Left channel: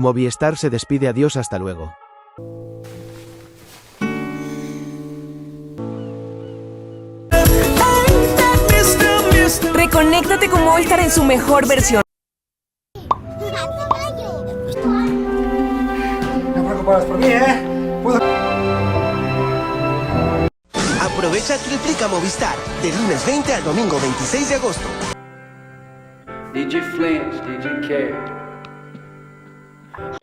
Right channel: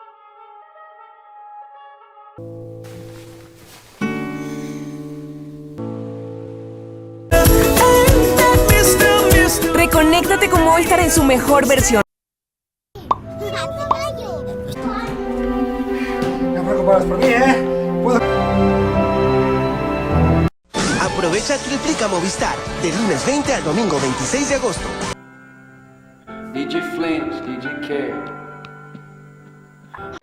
Movistar se despide, adiós, hasta luego. Reconéctate con Movistar en su mejor versión. No te preocupes por mí, Aprovecha Triplica Movistar, del lunes 20 al domingo 26 de agosto. DJ Flames, DJ K.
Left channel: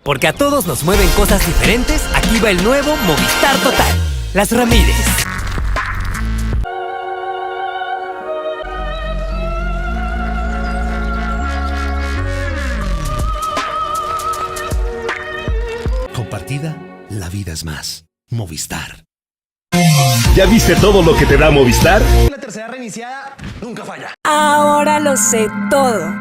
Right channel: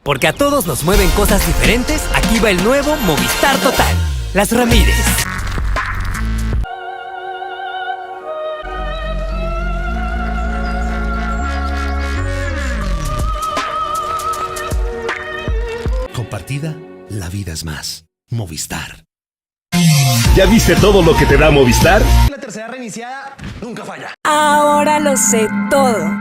Porque a todos nos mueven cosas diferentes, aquí va el nuevo Movistar Total. Las Ramírez. Compartida, la vida es más. Movistar. ¿Ya viste todo lo que te da Movistar? La tercera reiniciada nunca falla. Ahora lo sé todo.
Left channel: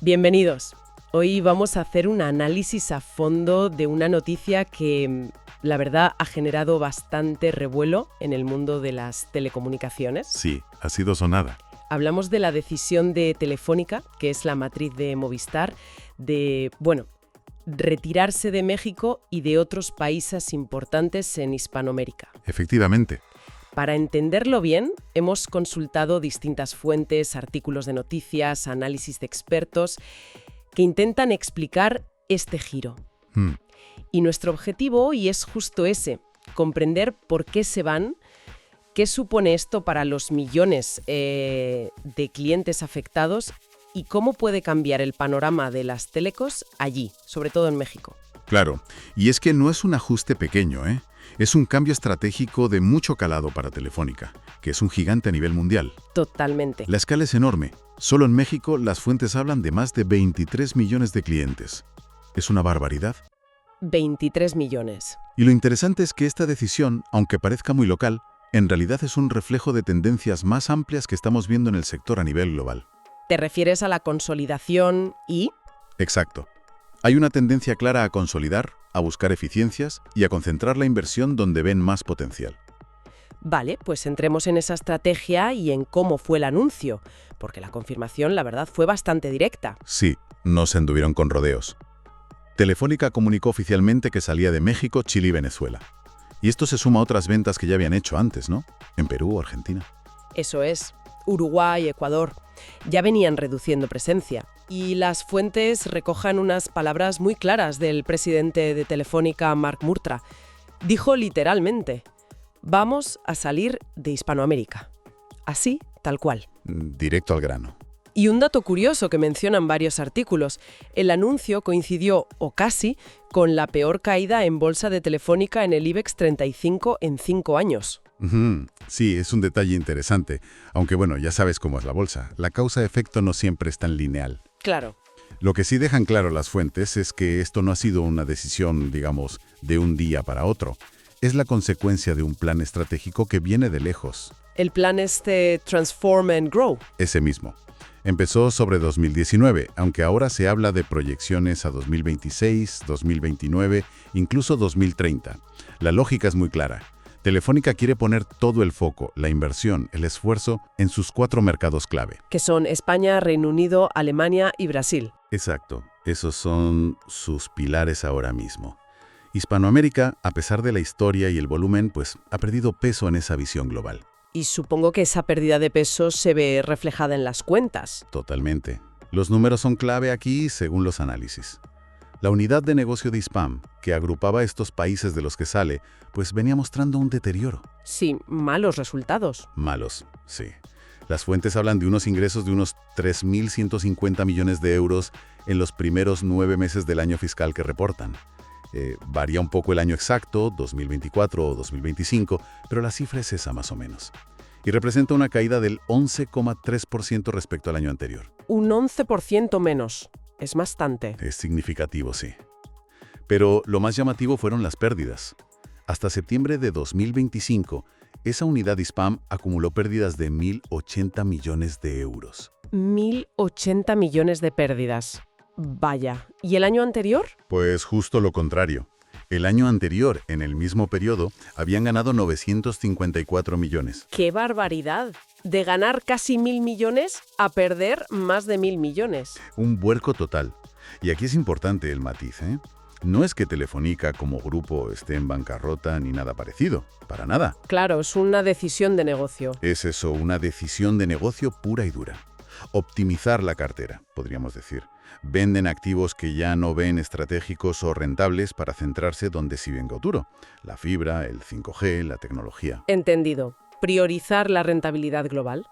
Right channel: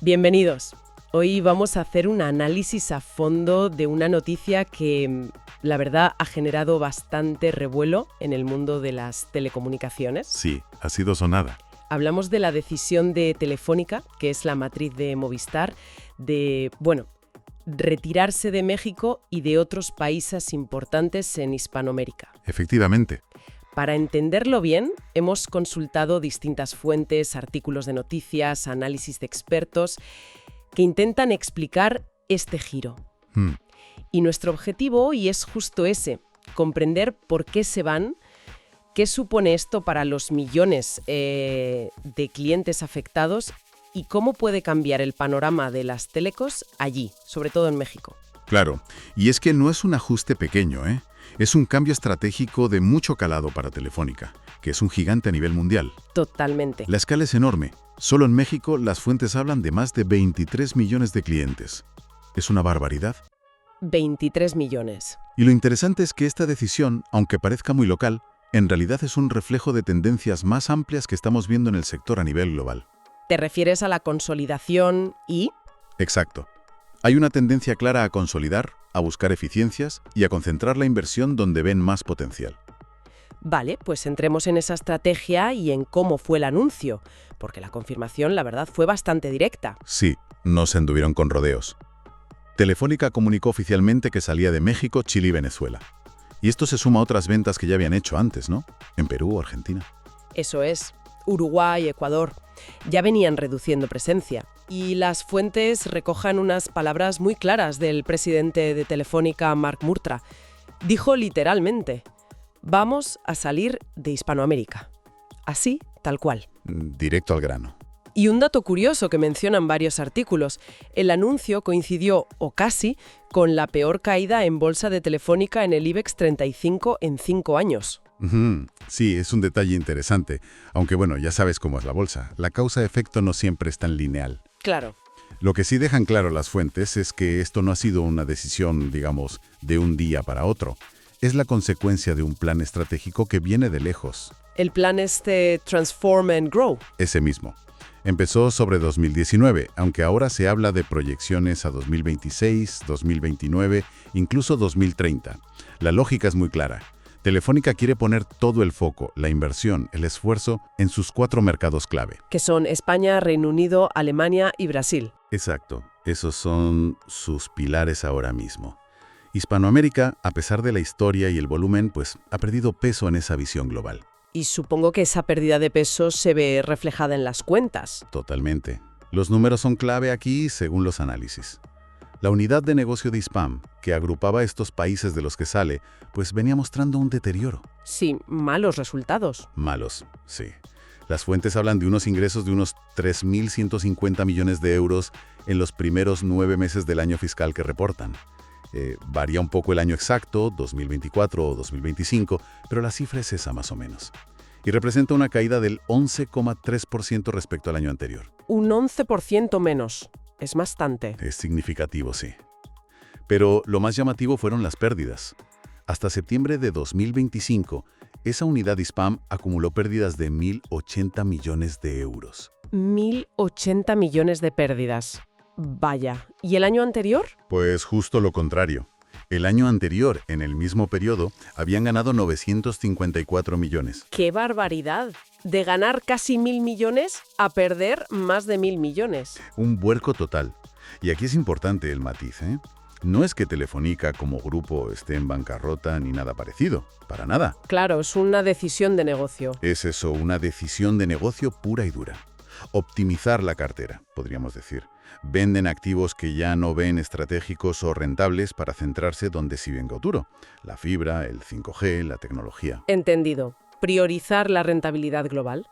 Bienvenidos. Hoy vamos a hacer un análisis a fondo de una noticia que, la verdad, ha generado bastante revuelo en el mundo de las telecomunicaciones. Sí, ha sido sonada. Hablamos de la decisión de Telefónica, que es la matriz de Movistar, de, retirarse de México y de otros países importantes en Hispanoamérica. Efectivamente. Para entenderlo bien, hemos consultado distintas fuentes, artículos de noticias, análisis de expertos que intentan explicar este giro. Y nuestro objetivo hoy es justo ese, comprender por qué se van, qué supone esto para los millones de clientes afectados y cómo puede cambiar el panorama de las telecos allí, sobre todo en México. Claro, y es que no es un ajuste pequeño, ¿eh? Es un cambio estratégico de mucho calado para Telefónica, que es un gigante a nivel mundial. Totalmente. La escala es enorme. Solo en México las fuentes hablan de más de 23 millones de clientes. Es una barbaridad. 23 millones. Y lo interesante es que esta decisión, aunque parezca muy local, en realidad es un reflejo de tendencias más amplias que estamos viendo en el sector a nivel global. ¿Te refieres a la consolidación y...? Exacto. Hay una tendencia clara a consolidar, a buscar eficiencias y a concentrar la inversión donde ven más potencial. Vale, pues entremos en esa estrategia y en cómo fue el anuncio, porque la confirmación, la verdad, fue bastante directa. Sí, no se anduvieron con rodeos. Telefónica comunicó oficialmente que salía de México, Chile y Venezuela. Y esto se suma a otras ventas que ya habían hecho antes, ¿no? En Perú o Argentina. Eso es. Uruguay, Ecuador. Ya venían reduciendo presencia. Y las fuentes recojan unas palabras muy claras del presidente de Telefónica, Marc Murtra. Dijo literalmente: vamos a salir de Hispanoamérica. Así, tal cual. Directo al grano. Y un dato curioso que mencionan varios artículos: el anuncio coincidió, o casi, con la peor caída en bolsa de Telefónica en el IBEX 35 en 5 años. Sí, es un detalle interesante. Aunque ya sabes cómo es la bolsa. La causa-efecto no siempre es tan lineal. Claro. Lo que sí dejan claro las fuentes es que esto no ha sido una decisión, digamos, de un día para otro. Es la consecuencia de un plan estratégico que viene de lejos. El plan Transform and Grow. Ese mismo. Empezó sobre 2019, aunque ahora se habla de proyecciones a 2026, 2029, incluso 2030. La lógica es muy clara. Telefónica quiere poner todo el foco, la inversión, el esfuerzo en sus 4 mercados clave. Que son España, Reino Unido, Alemania y Brasil. Exacto. Esos son sus pilares ahora mismo. Hispanoamérica, a pesar de la historia y el volumen, ha perdido peso en esa visión global. Y supongo que esa pérdida de peso se ve reflejada en las cuentas. Totalmente. Los números son clave aquí según los análisis. La unidad de negocio de Hispam, que agrupaba estos países de los que sale, venía mostrando un deterioro. Sí, malos resultados. Malos, sí. Las fuentes hablan de unos ingresos de unos 3.150 millones de euros en los primeros 9 meses del año fiscal que reportan. Varía un poco el año exacto, 2024 o 2025, pero la cifra es esa más o menos. Y representa una caída del 11,3% respecto al año anterior. Un 11% menos. Es bastante. Es significativo, sí. Pero lo más llamativo fueron las pérdidas. Hasta septiembre de 2025, esa unidad Hispam acumuló pérdidas de 1.080 millones de euros. 1.080 millones de pérdidas. Vaya. ¿Y el año anterior? Pues justo lo contrario. El año anterior, en el mismo periodo, habían ganado 954 millones. ¡Qué barbaridad! De ganar casi 1.000 millones a perder más de 1.000 millones. Un vuelco total. Y aquí es importante el matiz, ¿eh? No es que Telefónica como grupo esté en bancarrota ni nada parecido, para nada. Claro, es una decisión de negocio. Es eso, una decisión de negocio pura y dura. Optimizar la cartera, podríamos decir. Venden activos que ya no ven estratégicos o rentables para centrarse donde sí ven futuro. La fibra, el 5G, la tecnología. Entendido. Priorizar la rentabilidad global.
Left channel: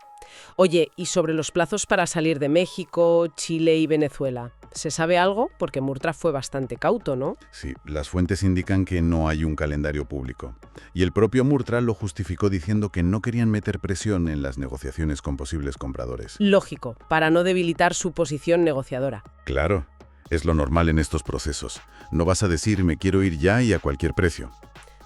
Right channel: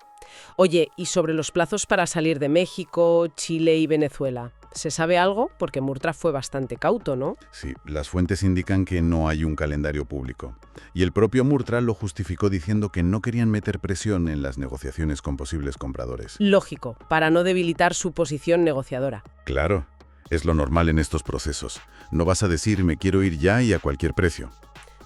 Oye, ¿y sobre los plazos para salir de México, Chile y Venezuela? ¿Se sabe algo? Porque Murtra fue bastante cauto, ¿no? Sí, las fuentes indican que no hay un calendario público. Y el propio Murtra lo justificó diciendo que no querían meter presión en las negociaciones con posibles compradores. Lógico, para no debilitar su posición negociadora. Claro, es lo normal en estos procesos. No vas a decir me quiero ir ya y a cualquier precio.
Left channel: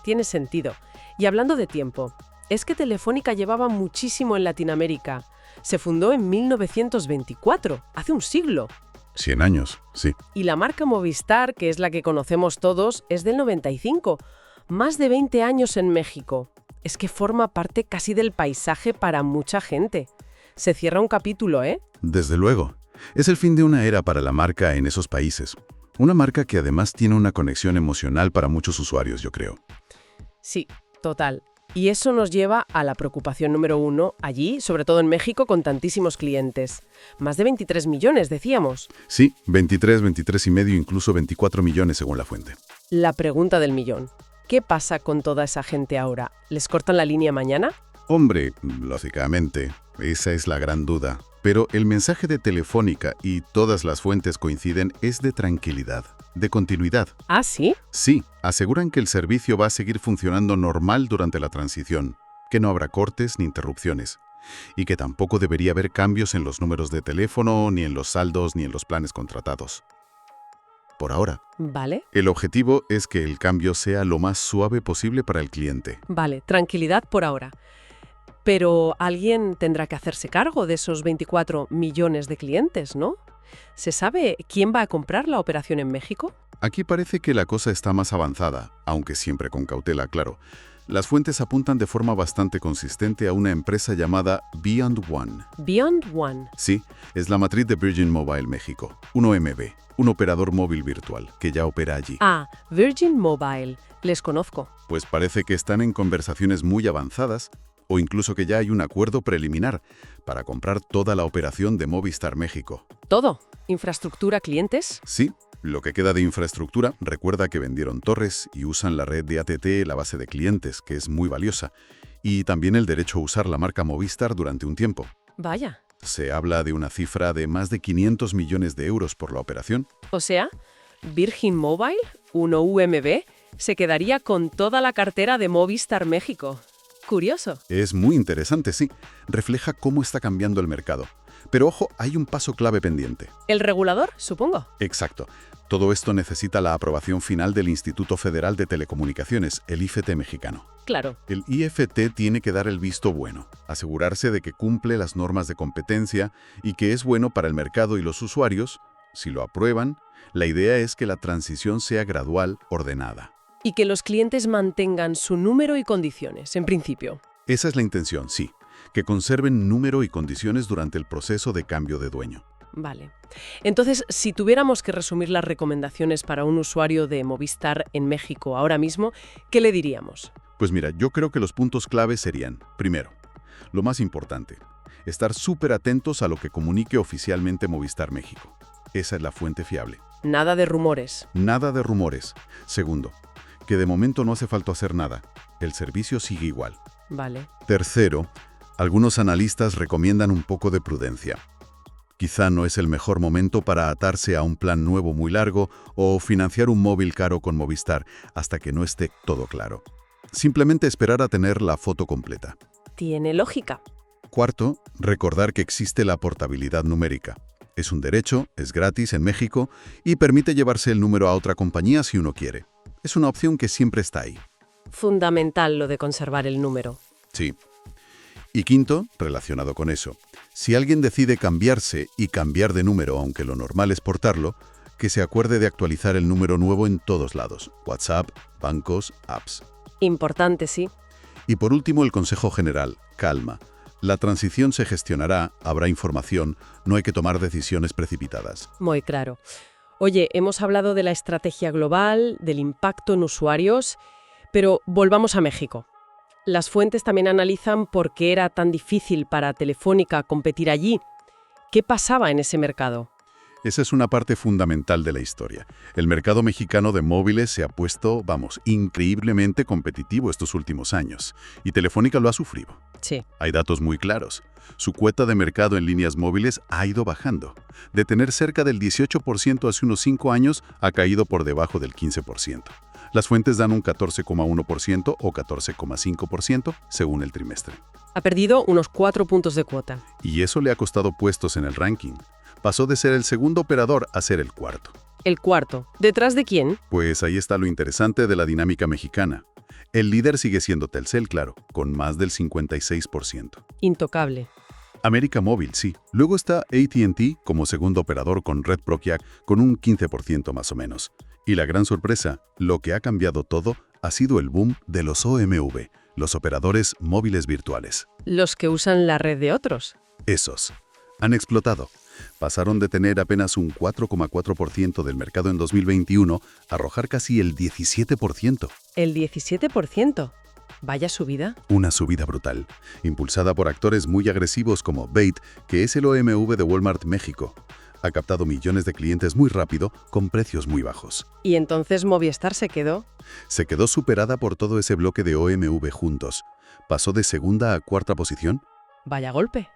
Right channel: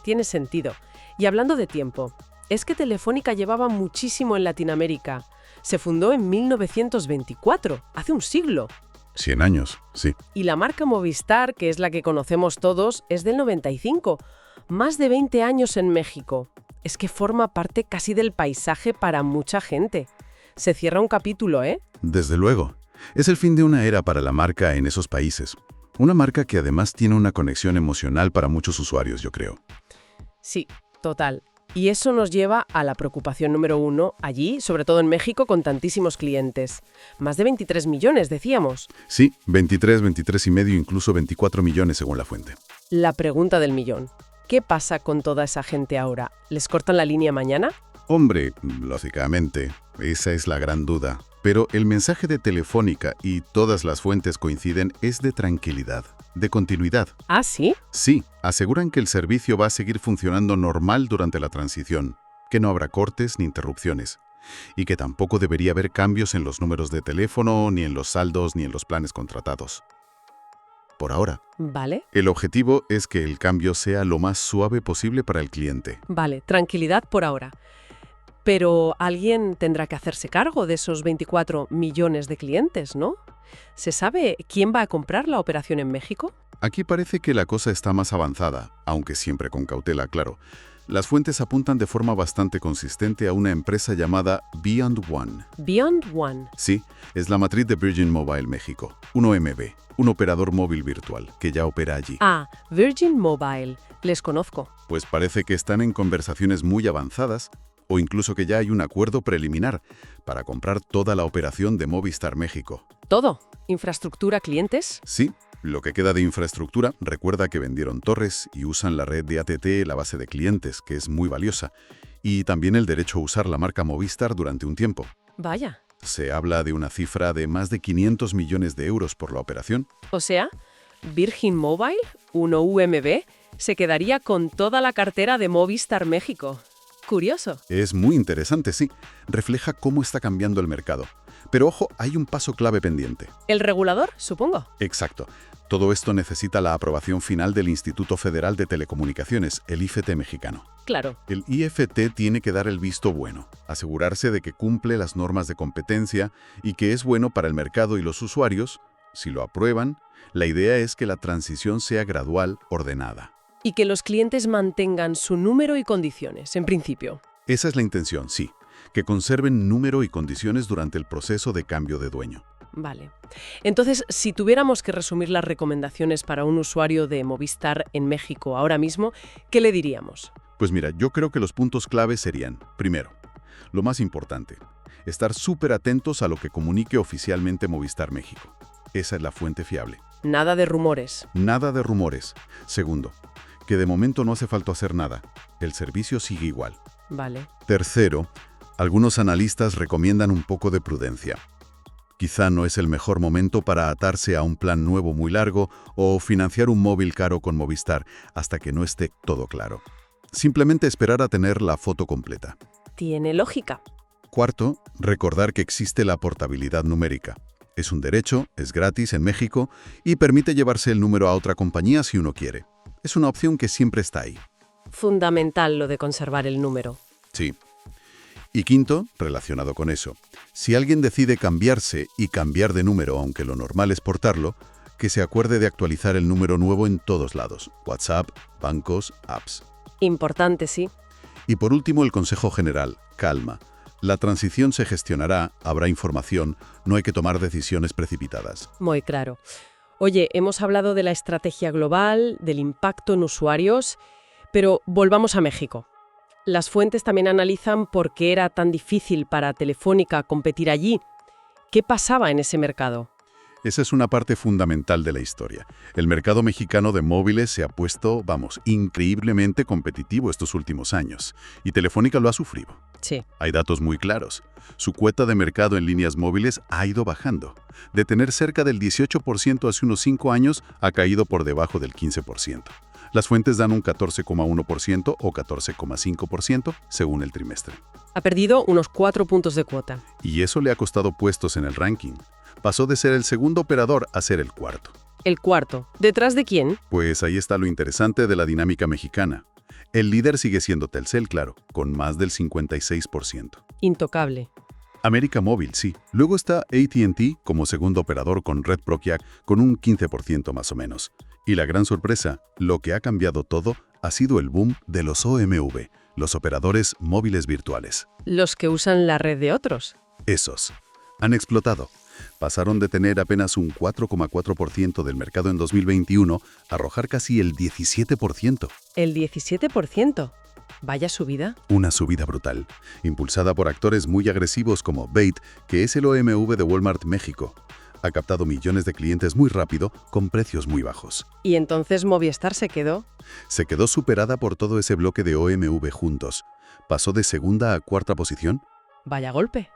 Tiene sentido. Y hablando de tiempo, es que Telefónica llevaba muchísimo en Latinoamérica. Se fundó en 1924, hace un siglo. 100 años, sí. Y la marca Movistar, que es la que conocemos todos, es del 95. Más de 20 años en México. Es que forma parte casi del paisaje para mucha gente. Se cierra un capítulo, ¿eh? Desde luego. Es el fin de una era para la marca en esos países. Una marca que además tiene una conexión emocional para muchos usuarios, yo creo. Sí, total. Y eso nos lleva a la preocupación número 1 allí, sobre todo en México, con tantísimos clientes. Más de 23 millones, decíamos. Sí, 23 y medio, incluso 24 millones según la fuente. La pregunta del millón. ¿Qué pasa con toda esa gente ahora? ¿Les cortan la línea mañana? Hombre, lógicamente, esa es la gran duda. Pero el mensaje de Telefónica, y todas las fuentes coinciden, es de tranquilidad, de continuidad. ¿Ah, sí? Sí, aseguran que el servicio va a seguir funcionando normal durante la transición, que no habrá cortes ni interrupciones, y que tampoco debería haber cambios en los números de teléfono, ni en los saldos, ni en los planes contratados. Por ahora. Vale. El objetivo es que el cambio sea lo más suave posible para el cliente. Vale, tranquilidad por ahora. Pero alguien tendrá que hacerse cargo de esos 24 millones de clientes, ¿no? ¿Se sabe quién va a comprar la operación en México? Aquí parece que la cosa está más avanzada, aunque siempre con cautela, claro. Las fuentes apuntan de forma bastante consistente a una empresa llamada Beyond One. Beyond One. Sí, es la matriz de Virgin Mobile México, un OMV, un operador móvil virtual, que ya opera allí. Ah, Virgin Mobile. Les conozco. Pues parece que están en conversaciones muy avanzadas, o incluso que ya hay un acuerdo preliminar para comprar toda la operación de Movistar México. ¿Todo? ¿Infraestructura, clientes? Sí, lo que queda de infraestructura, recuerda que vendieron torres y usan la red de ATT, la base de clientes, que es muy valiosa, y también el derecho a usar la marca Movistar durante un tiempo. Vaya. Se habla de una cifra de más de 500 millones de euros por la operación. O sea, Virgin Mobile, uno UMB, se quedaría con toda la cartera de Movistar México. Curioso. Es muy interesante, sí. Refleja cómo está cambiando el mercado. Pero ojo, hay un paso clave pendiente. ¿El regulador, supongo? Exacto. Todo esto necesita la aprobación final del Instituto Federal de Telecomunicaciones, el IFT mexicano. Claro. El IFT tiene que dar el visto bueno, asegurarse de que cumple las normas de competencia y que es bueno para el mercado y los usuarios. Si lo aprueban, la idea es que la transición sea gradual, ordenada. Y que los clientes mantengan su número y condiciones, en principio. Esa es la intención, sí. Que conserven número y condiciones durante el proceso de cambio de dueño. Vale. Entonces, si tuviéramos que resumir las recomendaciones para un usuario de Movistar en México ahora mismo, ¿qué le diríamos? Pues mira, yo creo que los puntos claves serían, primero, lo más importante, estar súper atentos a lo que comunique oficialmente Movistar México. Esa es la fuente fiable. Nada de rumores. Nada de rumores. Segundo, que de momento no hace falta hacer nada. El servicio sigue igual. Vale. Tercero, algunos analistas recomiendan un poco de prudencia. Quizá no es el mejor momento para atarse a un plan nuevo muy largo o financiar un móvil caro con Movistar hasta que no esté todo claro. Simplemente esperar a tener la foto completa. Tiene lógica. Cuarto, recordar que existe la portabilidad numérica. Es un derecho, es gratis en México y permite llevarse el número a otra compañía si uno quiere. Es una opción que siempre está ahí. Fundamental lo de conservar el número. Sí. Y quinto, relacionado con eso, si alguien decide cambiarse y cambiar de número, aunque lo normal es portarlo, que se acuerde de actualizar el número nuevo en todos lados, WhatsApp, bancos, apps. Importante, sí. Y por último, el consejo general, calma. La transición se gestionará, habrá información, no hay que tomar decisiones precipitadas. Muy claro. Oye, hemos hablado de la estrategia global, del impacto en usuarios, pero volvamos a México. Las fuentes también analizan por qué era tan difícil para Telefónica competir allí. ¿Qué pasaba en ese mercado? Esa es una parte fundamental de la historia. El mercado mexicano de móviles se ha puesto, increíblemente competitivo estos últimos años. Y Telefónica lo ha sufrido. Sí. Hay datos muy claros. Su cuota de mercado en líneas móviles ha ido bajando. De tener cerca del 18% hace unos 5 años, ha caído por debajo del 15%. Las fuentes dan un 14,1% o 14,5% según el trimestre. Ha perdido unos 4 puntos de cuota. Y eso le ha costado puestos en el ranking. Pasó de ser el segundo operador a ser el cuarto. ¿El cuarto? ¿Detrás de quién? Pues ahí está lo interesante de la dinámica mexicana. El líder sigue siendo Telcel, claro, con más del 56%. Intocable. América Móvil, sí. Luego está AT&T como segundo operador con Red Proquiac con un 15% más o menos. Y la gran sorpresa, lo que ha cambiado todo, ha sido el boom de los OMV, los operadores móviles virtuales. Los que usan la red de otros. Esos. Han explotado. Pasaron de tener apenas un 4,4% del mercado en 2021 a arrojar casi el 17%. ¿El 17%? Vaya subida. Una subida brutal, impulsada por actores muy agresivos como Bait, que es el OMV de Walmart México. Ha captado millones de clientes muy rápido, con precios muy bajos. ¿Y entonces Movistar se quedó? Se quedó superada por todo ese bloque de OMV juntos. Pasó de segunda a cuarta posición. Vaya golpe.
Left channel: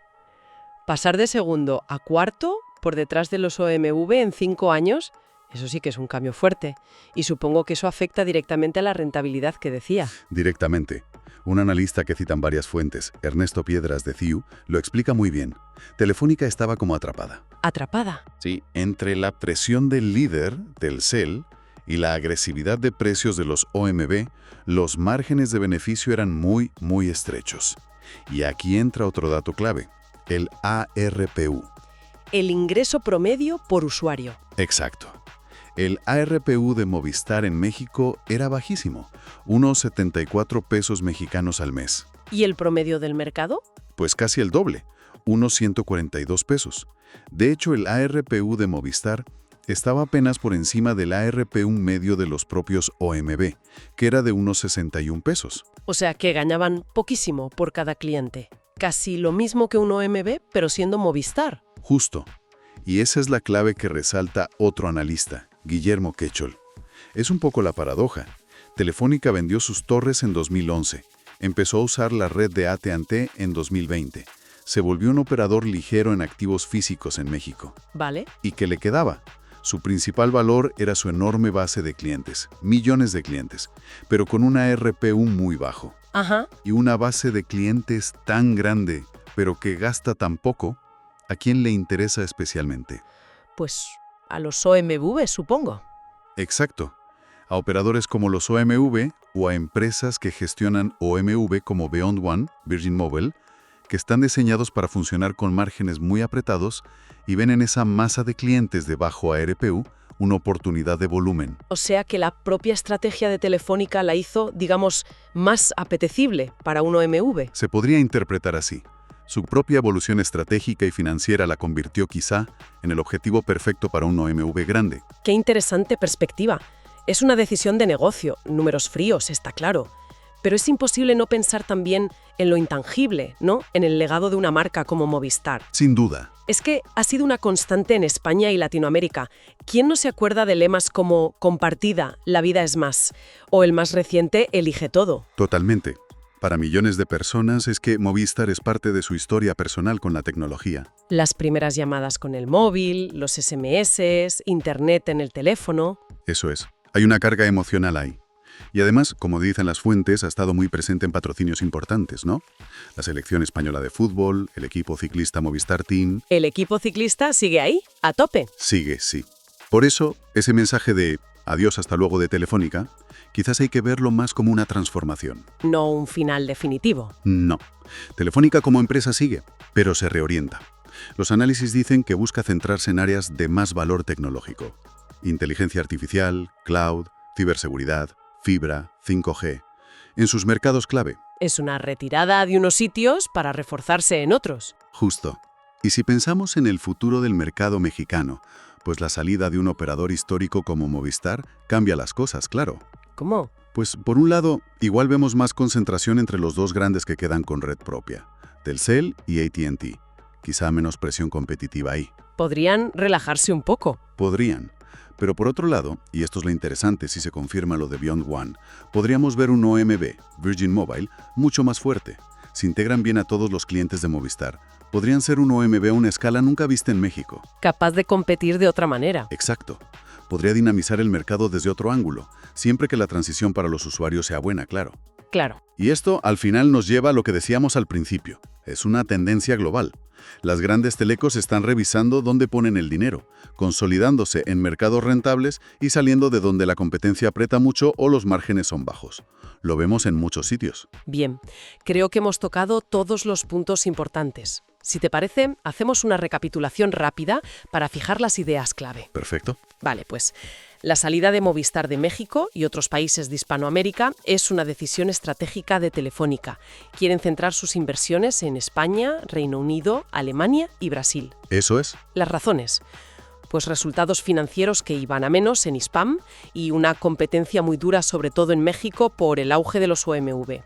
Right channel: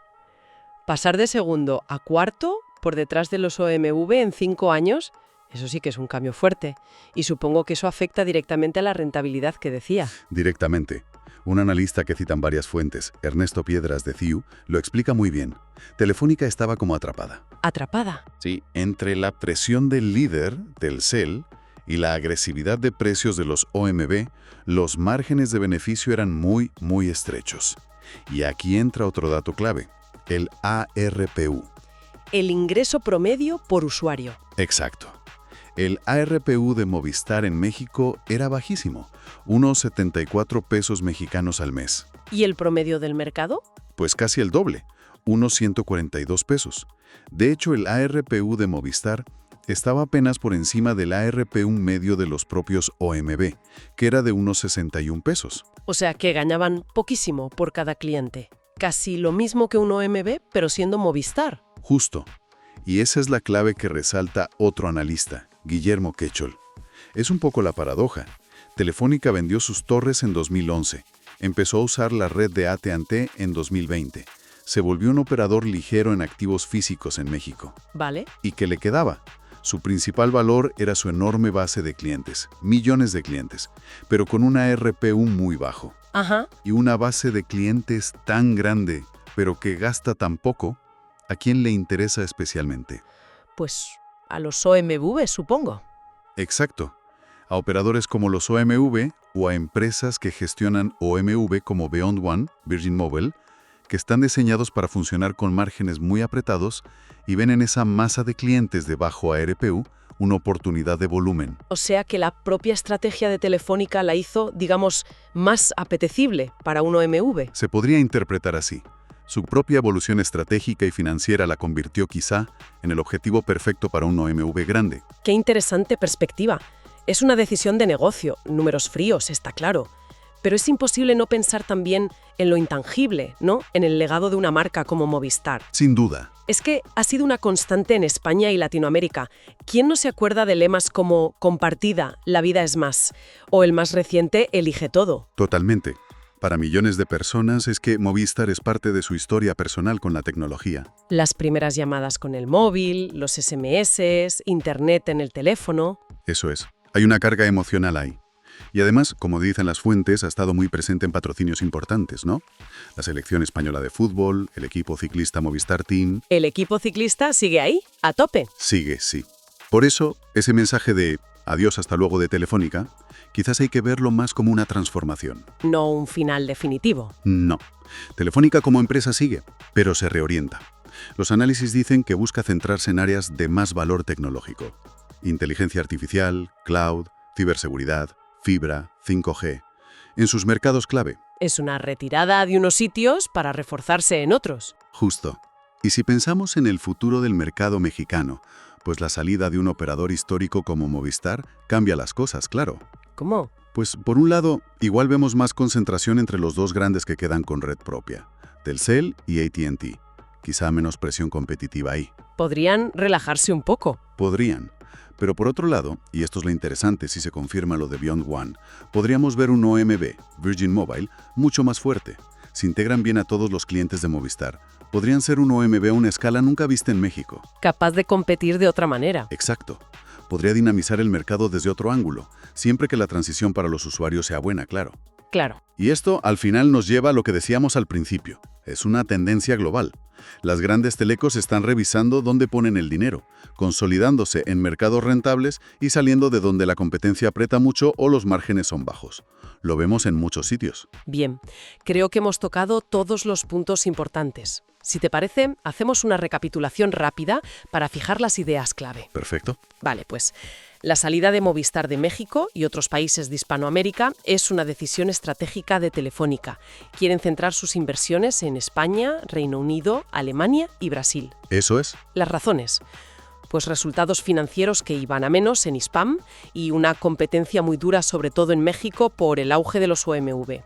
Pasar de segundo a cuarto, por detrás de los OMV en 5 años, eso sí que es un cambio fuerte. Y supongo que eso afecta directamente a la rentabilidad que decía. Directamente. Un analista que citan varias fuentes, Ernesto Piedras de CIU, lo explica muy bien. Telefónica estaba como atrapada. ¿Atrapada? Sí, entre la presión del líder, Telcel, y la agresividad de precios de los OMV, los márgenes de beneficio eran muy estrechos. Y aquí entra otro dato clave. El ARPU. El ingreso promedio por usuario. Exacto. El ARPU de Movistar en México era bajísimo, unos 74 pesos mexicanos al mes. ¿Y el promedio del mercado? Pues casi el doble, unos 142 pesos. De hecho, el ARPU de Movistar estaba apenas por encima del ARPU medio de los propios OMV, que era de unos 61 pesos. O sea que ganaban poquísimo por cada cliente. Casi lo mismo que un OMV, pero siendo Movistar. Justo. Y esa es la clave que resalta otro analista, Guillermo Quechol. Es un poco la paradoja. Telefónica vendió sus torres en 2011. Empezó a usar la red de AT&T en 2020. Se volvió un operador ligero en activos físicos en México. ¿Vale? ¿Y qué le quedaba? Su principal valor era su enorme base de clientes, millones de clientes, pero con una ARPU muy bajo. Ajá. Y una base de clientes tan grande, pero que gasta tan poco, ¿a quién le interesa especialmente? Pues a los OMV, supongo. Exacto. A operadores como los OMV o a empresas que gestionan OMV como Beyond One, Virgin Mobile, que están diseñados para funcionar con márgenes muy apretados y ven en esa masa de clientes de bajo ARPU una oportunidad de volumen. O sea que la propia estrategia de Telefónica la hizo, digamos, más apetecible para un OMV. Se podría interpretar así. Su propia evolución estratégica y financiera la convirtió quizá en el objetivo perfecto para un OMV grande. Qué interesante perspectiva. Es una decisión de negocio, números fríos, está claro. Pero es imposible no pensar también en lo intangible, ¿no? En el legado de una marca como Movistar. Sin duda. Es que ha sido una constante en España y Latinoamérica. ¿Quién no se acuerda de lemas como compartida, la vida es más? O el más reciente, elige todo. Totalmente. Para millones de personas es que Movistar es parte de su historia personal con la tecnología. Las primeras llamadas con el móvil, los SMS, internet en el teléfono. Eso es. Hay una carga emocional ahí. Y además, como dicen las fuentes, ha estado muy presente en patrocinios importantes, ¿no? La selección española de fútbol, el equipo ciclista Movistar Team. ¿El equipo ciclista sigue ahí, a tope? Sigue, sí. Por eso, ese mensaje de adiós hasta luego de Telefónica, quizás hay que verlo más como una transformación. No un final definitivo. No. Telefónica como empresa sigue, pero se reorienta. Los análisis dicen que busca centrarse en áreas de más valor tecnológico. Inteligencia artificial, cloud, ciberseguridad, fibra, 5G, en sus mercados clave, Es una retirada de unos sitios para reforzarse en otros. Justo. Y si pensamos en el futuro del mercado mexicano, pues la salida de un operador histórico como Movistar cambia las cosas, claro. ¿Cómo? Pues por un lado, igual vemos más concentración entre los dos grandes que quedan con red propia, Telcel y AT&T. Quizá menos presión competitiva ahí. Podrían relajarse un poco. Podrían. Pero por otro lado, y esto es lo interesante si se confirma lo de Beyond One, podríamos ver un OMB, Virgin Mobile, mucho más fuerte. Si integran bien a todos los clientes de Movistar, podrían ser un OMB a una escala nunca vista en México. Capaz de competir de otra manera. Exacto. Podría dinamizar el mercado desde otro ángulo, siempre que la transición para los usuarios sea buena, claro. Claro. Y esto, al final, nos lleva a lo que decíamos al principio. Es una tendencia global. Las grandes telecos están revisando dónde ponen el dinero, consolidándose en mercados rentables y saliendo de donde la competencia aprieta mucho o los márgenes son bajos. Lo vemos en muchos sitios. Bien, creo que hemos tocado todos los puntos importantes. Si te parece, hacemos una recapitulación rápida para fijar las ideas clave. Perfecto. Vale, pues la salida de Movistar de México y otros países de Hispanoamérica es una decisión estratégica de Telefónica. Quieren centrar sus inversiones en España, Reino Unido, Alemania y Brasil. Eso es. Las razones. Pues resultados financieros que iban a menos en Hispam y una competencia muy dura, sobre todo en México, por el auge de los OMV.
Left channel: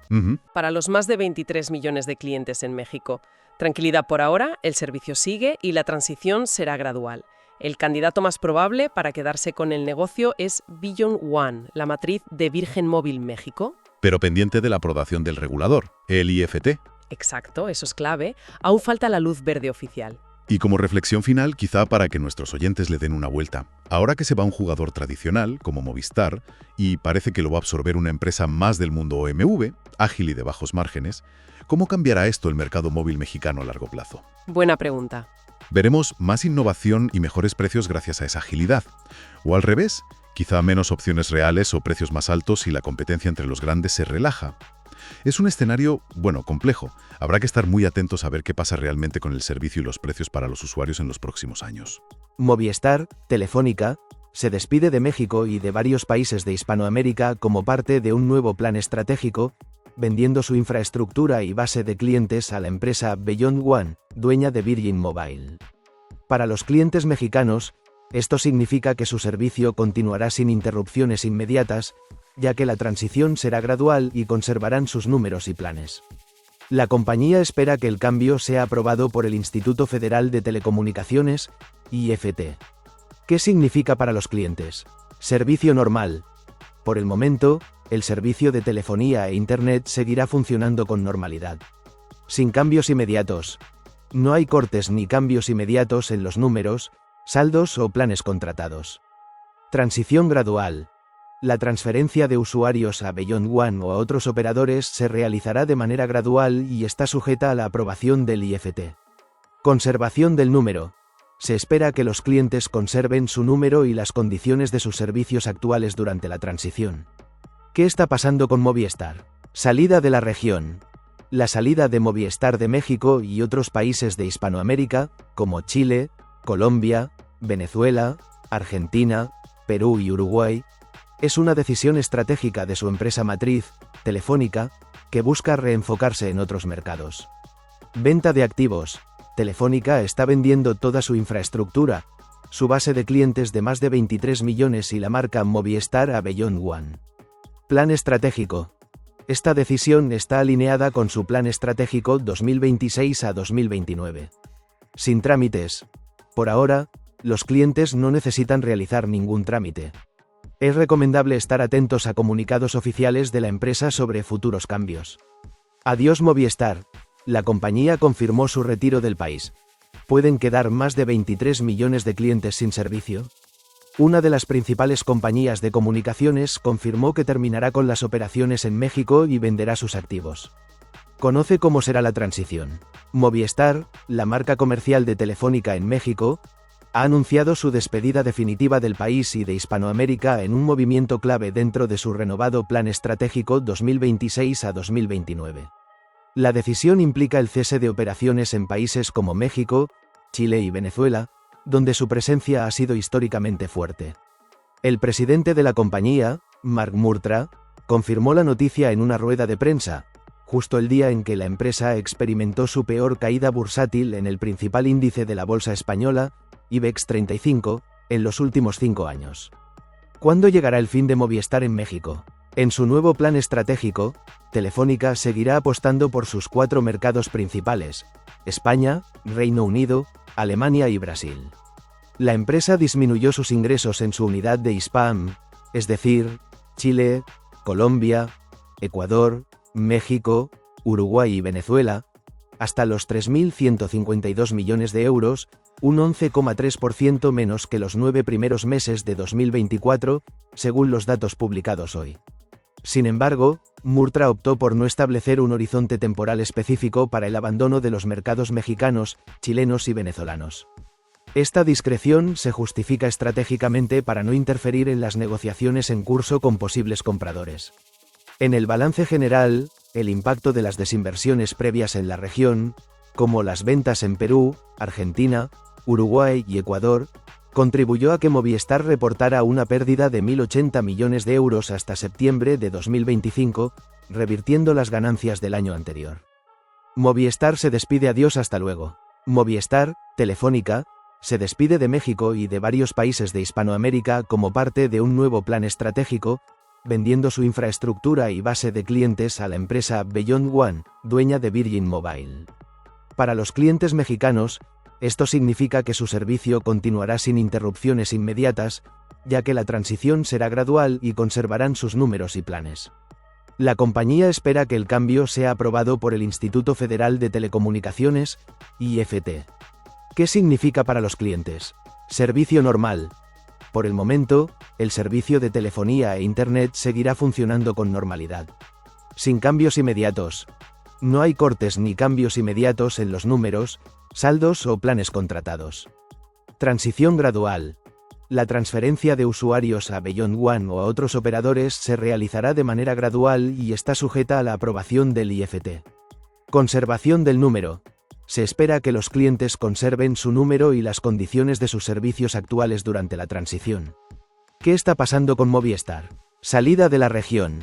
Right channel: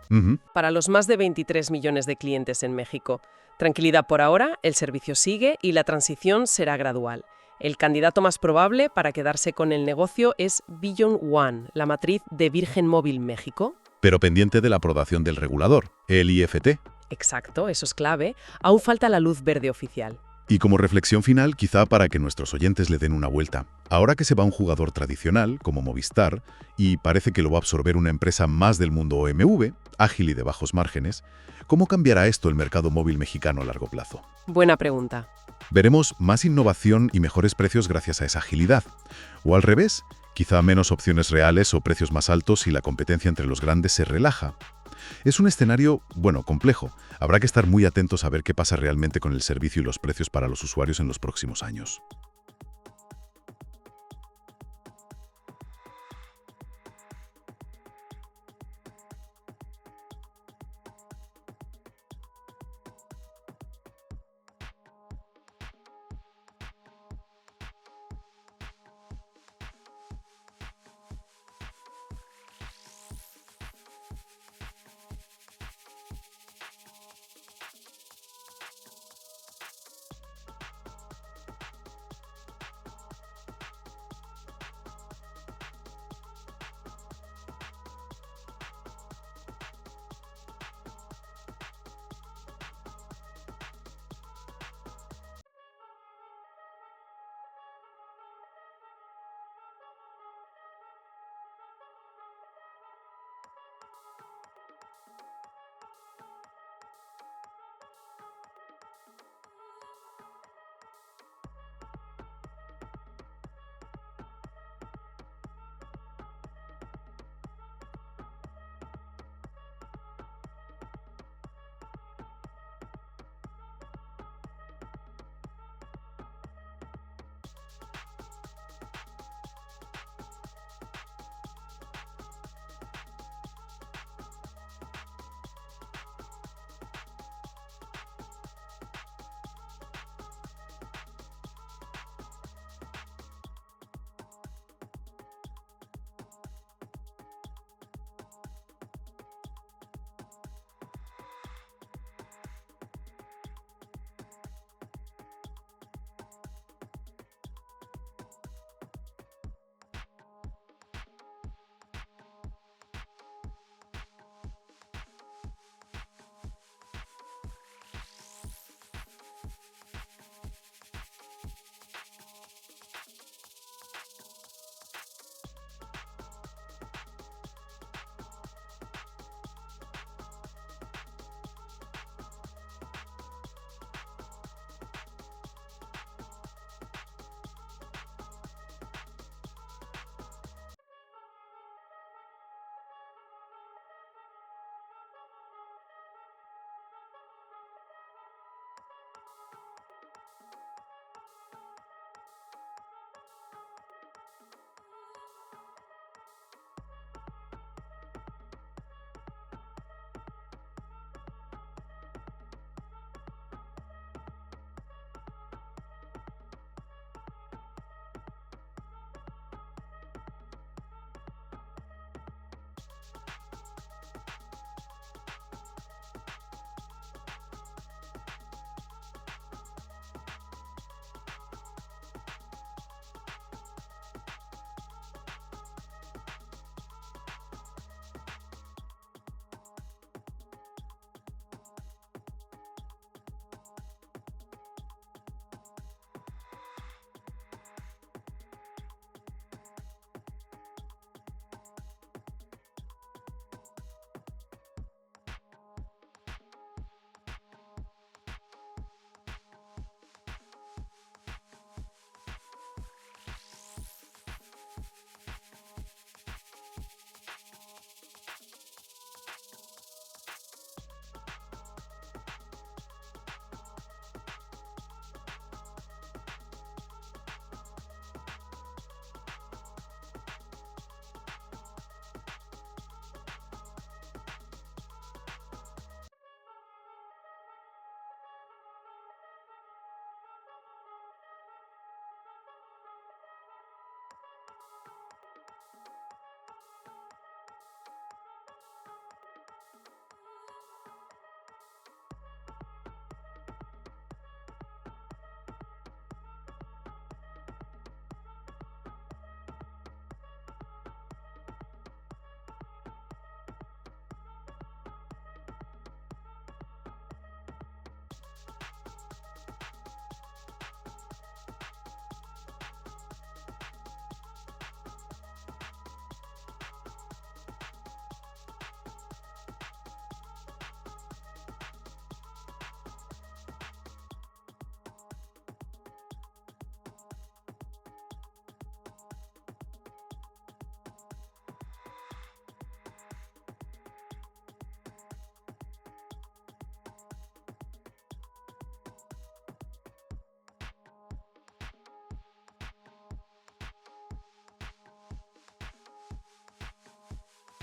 Para los más de 23 millones de clientes en México. Tranquilidad por ahora, el servicio sigue y la transición será gradual. El candidato más probable para quedarse con el negocio es Beyond One, la matriz de Virgen Móvil México. Pero pendiente de la aprobación del regulador, el IFT. Exacto, eso es clave. Aún falta la luz verde oficial. Y como reflexión final, quizá para que nuestros oyentes le den una vuelta. Ahora que se va un jugador tradicional, como Movistar, y parece que lo va a absorber una empresa más del mundo OMV, ágil y de bajos márgenes, ¿cómo cambiará esto el mercado móvil mexicano a largo plazo? Buena pregunta. ¿Veremos más innovación y mejores precios gracias a esa agilidad? ¿O al revés? Quizá menos opciones reales o precios más altos si la competencia entre los grandes se relaja. Es un escenario, complejo. Habrá que estar muy atentos a ver qué pasa realmente con el servicio y los precios para los usuarios en los próximos años. Movistar, Telefónica, se despide de México y de varios países de Hispanoamérica como parte de un nuevo plan estratégico, vendiendo su infraestructura y base de clientes a la empresa Beyond One, dueña de Virgin Mobile. Para los clientes mexicanos, esto significa que su servicio continuará sin interrupciones inmediatas, ya que la transición será gradual y conservarán sus números y planes. La compañía espera que el cambio sea aprobado por el Instituto Federal de Telecomunicaciones, IFT. ¿Qué significa para los clientes? Servicio normal. Por el momento, el servicio de telefonía e Internet seguirá funcionando con normalidad. Sin cambios inmediatos. No hay cortes ni cambios inmediatos en los números, saldos o planes contratados. Transición gradual. La transferencia de usuarios a Beyond One o a otros operadores se realizará de manera gradual y está sujeta a la aprobación del IFT. Conservación del número. Se espera que los clientes conserven su número y las condiciones de sus servicios actuales durante la transición. ¿Qué está pasando con Movistar? Salida de la región. La salida de Movistar de México y otros países de Hispanoamérica, como Chile, Colombia, Venezuela, Argentina, Perú y Uruguay, es una decisión estratégica de su empresa matriz, Telefónica, que busca reenfocarse en otros mercados. Venta de activos. Telefónica está vendiendo toda su infraestructura, su base de clientes de más de 23 millones y la marca Movistar a Beyond One. Plan estratégico. Esta decisión está alineada con su plan estratégico 2026 a 2029. Sin trámites. Por ahora, los clientes no necesitan realizar ningún trámite. Es recomendable estar atentos a comunicados oficiales de la empresa sobre futuros cambios. Adiós Movistar. La compañía confirmó su retiro del país. ¿Pueden quedar más de 23 millones de clientes sin servicio? Una de las principales compañías de comunicaciones confirmó que terminará con las operaciones en México y venderá sus activos. Conoce cómo será la transición. Movistar, la marca comercial de Telefónica en México, ha anunciado su despedida definitiva del país y de Hispanoamérica en un movimiento clave dentro de su renovado plan estratégico 2026 a 2029. La decisión implica el cese de operaciones en países como México, Chile y Venezuela, donde su presencia ha sido históricamente fuerte. El presidente de la compañía, Mark Murtra, confirmó la noticia en una rueda de prensa, justo el día en que la empresa experimentó su peor caída bursátil en el principal índice de la bolsa española, IBEX 35, en los últimos 5 años. ¿Cuándo llegará el fin de Movistar en México? En su nuevo plan estratégico, Telefónica seguirá apostando por sus 4 mercados principales: España, Reino Unido, Alemania y Brasil. La empresa disminuyó sus ingresos en su unidad de Hispam, es decir, Chile, Colombia, Ecuador, México, Uruguay y Venezuela, hasta los 3.152 millones de euros, un 11,3% menos que los 9 primeros meses de 2024, según los datos publicados hoy. Sin embargo, Murtra optó por no establecer un horizonte temporal específico para el abandono de los mercados mexicanos, chilenos y venezolanos. Esta discreción se justifica estratégicamente para no interferir en las negociaciones en curso con posibles compradores. En el balance general, el impacto de las desinversiones previas en la región, como las ventas en Perú, Argentina, Uruguay y Ecuador, contribuyó a que Movistar reportara una pérdida de 1.080 millones de euros hasta septiembre de 2025, revirtiendo las ganancias del año anterior. Movistar se despide. Adiós, hasta luego. Movistar, Telefónica, se despide de México y de varios países de Hispanoamérica como parte de un nuevo plan estratégico, vendiendo su infraestructura y base de clientes a la empresa Beyond One, dueña de Virgin Mobile. Para los clientes mexicanos, esto significa que su servicio continuará sin interrupciones inmediatas, ya que la transición será gradual y conservarán sus números y planes. La compañía espera que el cambio sea aprobado por el Instituto Federal de Telecomunicaciones, IFT. ¿Qué significa para los clientes? Servicio normal. Por el momento, el servicio de telefonía e Internet seguirá funcionando con normalidad. Sin cambios inmediatos. No hay cortes ni cambios inmediatos en los números, saldos o planes contratados. Transición gradual. La transferencia de usuarios a Beyond One o a otros operadores se realizará de manera gradual y está sujeta a la aprobación del IFT. Conservación del número. Se espera que los clientes conserven su número y las condiciones de sus servicios actuales durante la transición. ¿Qué está pasando con Movistar? Salida de la región.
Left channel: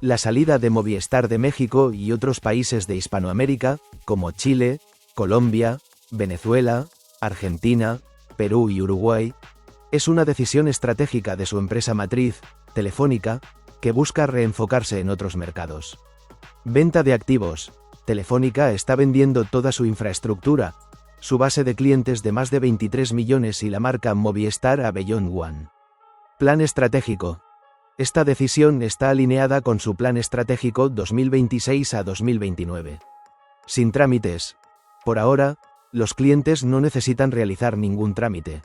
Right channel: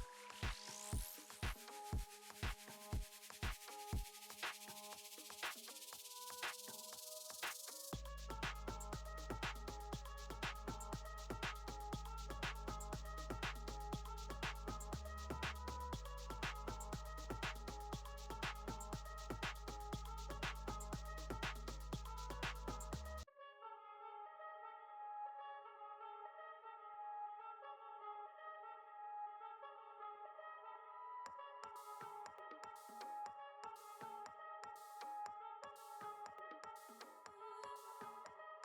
La salida de Movistar de México y otros países de Hispanoamérica, como Chile, Colombia, Venezuela, Argentina, Perú y Uruguay, es una decisión estratégica de su empresa matriz, Telefónica, que busca reenfocarse en otros mercados. Venta de activos. Telefónica está vendiendo toda su infraestructura, su base de clientes de más de 23 millones y la marca Movistar a Beyond One. Plan estratégico. Esta decisión está alineada con su plan estratégico 2026 a 2029. Sin trámites. Por ahora, los clientes no necesitan realizar ningún trámite.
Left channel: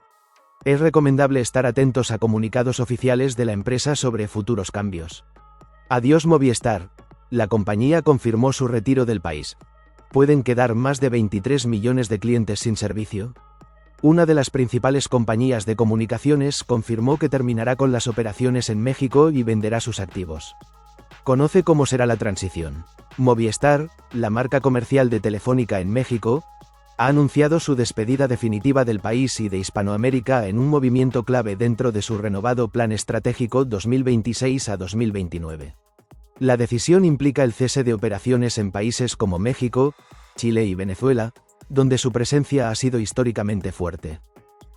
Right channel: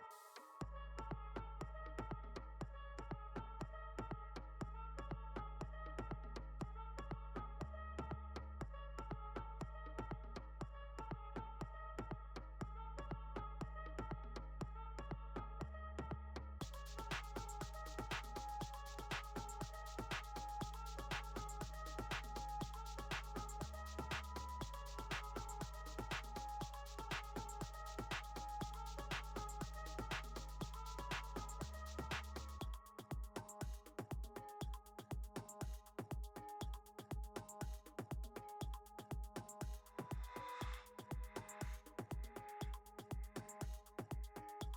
Es recomendable estar atentos a comunicados oficiales de la empresa sobre futuros cambios. Adiós Movistar. La compañía confirmó su retiro del país. ¿Pueden quedar más de 23 millones de clientes sin servicio? Una de las principales compañías de comunicaciones confirmó que terminará con las operaciones en México y venderá sus activos. Conoce cómo será la transición. Movistar, la marca comercial de Telefónica en México, ha anunciado su despedida definitiva del país y de Hispanoamérica en un movimiento clave dentro de su renovado plan estratégico 2026 a 2029. La decisión implica el cese de operaciones en países como México, Chile y Venezuela, donde su presencia ha sido históricamente fuerte.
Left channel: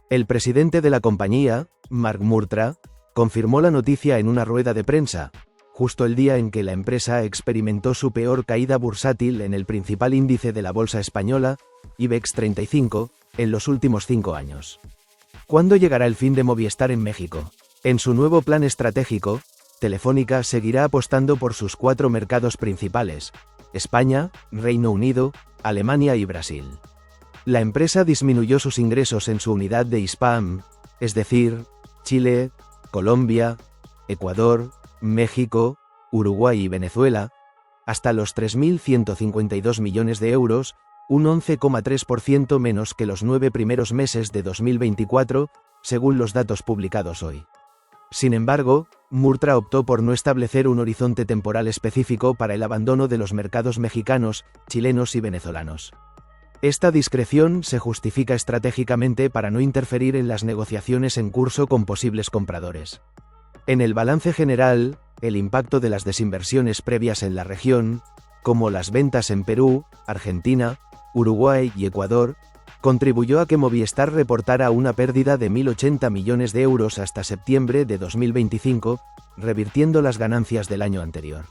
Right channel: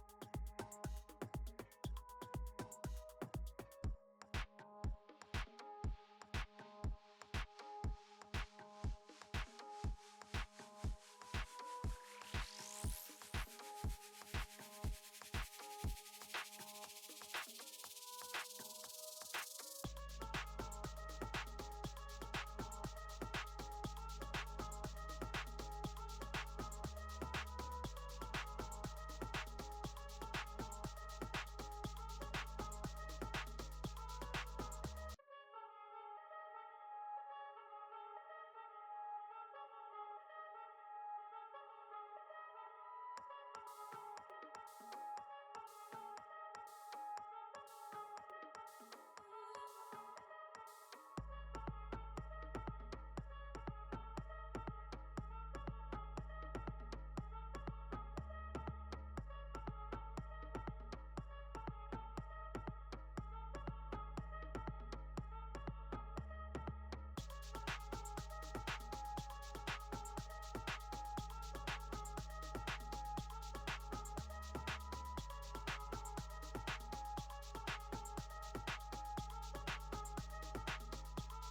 El presidente de la compañía, Mark Murtra, confirmó la noticia en una rueda de prensa, justo el día en que la empresa experimentó su peor caída bursátil en el principal índice de la bolsa española, IBEX 35, en los últimos 5 años. ¿Cuándo llegará el fin de Movistar en México? En su nuevo plan estratégico, Telefónica seguirá apostando por sus 4 mercados principales: España, Reino Unido, Alemania y Brasil. La empresa disminuyó sus ingresos en su unidad de Hispam, es decir, Chile, Colombia, Ecuador, México, Uruguay y Venezuela, hasta los 3.152 millones de euros, un 11,3% menos que los 9 primeros meses de 2024, según los datos publicados hoy. Sin embargo, Murtra optó por no establecer un horizonte temporal específico para el abandono de los mercados mexicanos, chilenos y venezolanos. Esta discreción se justifica estratégicamente para no interferir en las negociaciones en curso con posibles compradores. En el balance general, el impacto de las desinversiones previas en la región, como las ventas en Perú, Argentina, Uruguay y Ecuador, contribuyó a que Movistar reportara una pérdida de 1.080 millones de euros hasta septiembre de 2025, revirtiendo las ganancias del año anterior.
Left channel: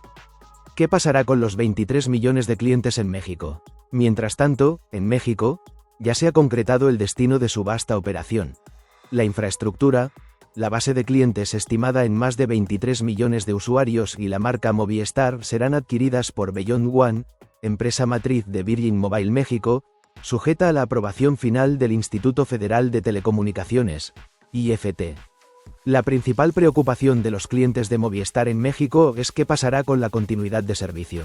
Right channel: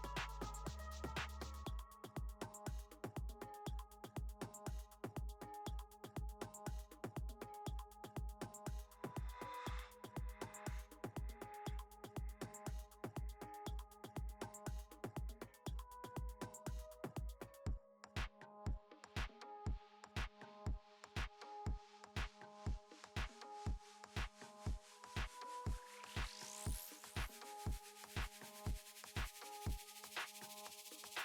¿Qué pasará con los 23 millones de clientes en México? Mientras tanto, en México, ya se ha concretado el destino de su vasta operación. La infraestructura, la base de clientes estimada en más de 23 millones de usuarios y la marca Movistar serán adquiridas por Beyond One, empresa matriz de Virgin Mobile México, sujeta a la aprobación final del Instituto Federal de Telecomunicaciones, IFT. La principal preocupación de los clientes de Movistar en México es qué pasará con la continuidad de servicio.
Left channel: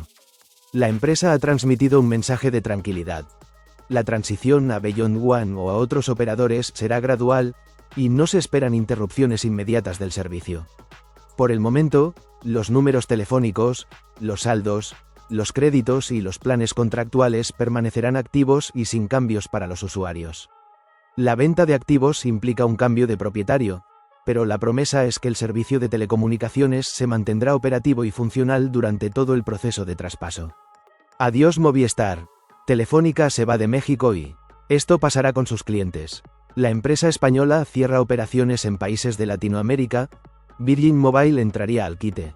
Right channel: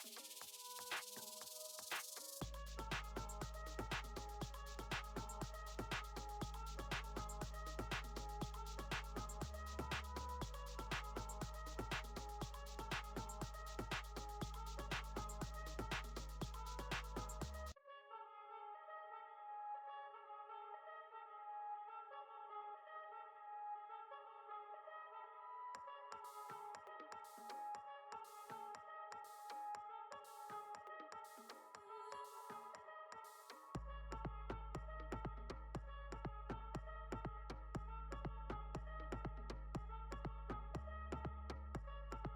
La empresa ha transmitido un mensaje de tranquilidad. La transición a Beyond One o a otros operadores será gradual y no se esperan interrupciones inmediatas del servicio. Por el momento, los números telefónicos, los saldos, los créditos y los planes contractuales permanecerán activos y sin cambios para los usuarios. La venta de activos implica un cambio de propietario, pero la promesa es que el servicio de telecomunicaciones se mantendrá operativo y funcional durante todo el proceso de traspaso. Adiós Movistar. Telefónica se va de México y esto pasará con sus clientes. La empresa española cierra operaciones en países de Latinoamérica, Virgin Mobile entraría al quite.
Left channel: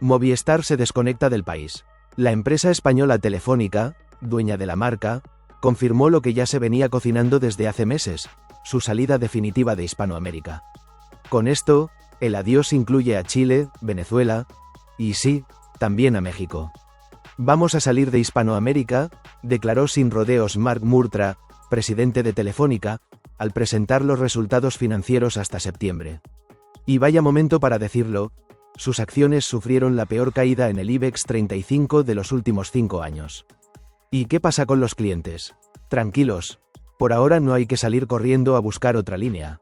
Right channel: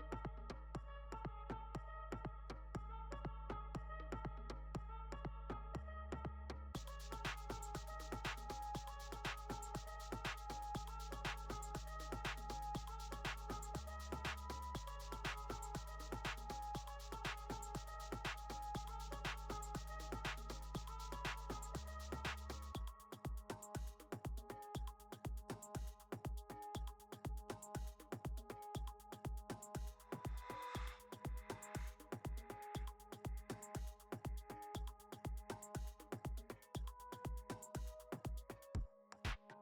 Movistar se desconecta del país. La empresa española Telefónica, dueña de la marca, confirmó lo que ya se venía cocinando desde hace meses, su salida definitiva de Hispanoamérica. Con esto, el adiós incluye a Chile, Venezuela, y sí, también a México. Vamos a salir de Hispanoamérica, declaró sin rodeos Marc Murtra, presidente de Telefónica, al presentar los resultados financieros hasta septiembre. Y vaya momento para decirlo, sus acciones sufrieron la peor caída en el IBEX 35 de los últimos 5 años. ¿Y qué pasa con los clientes? Tranquilos, por ahora no hay que salir corriendo a buscar otra línea.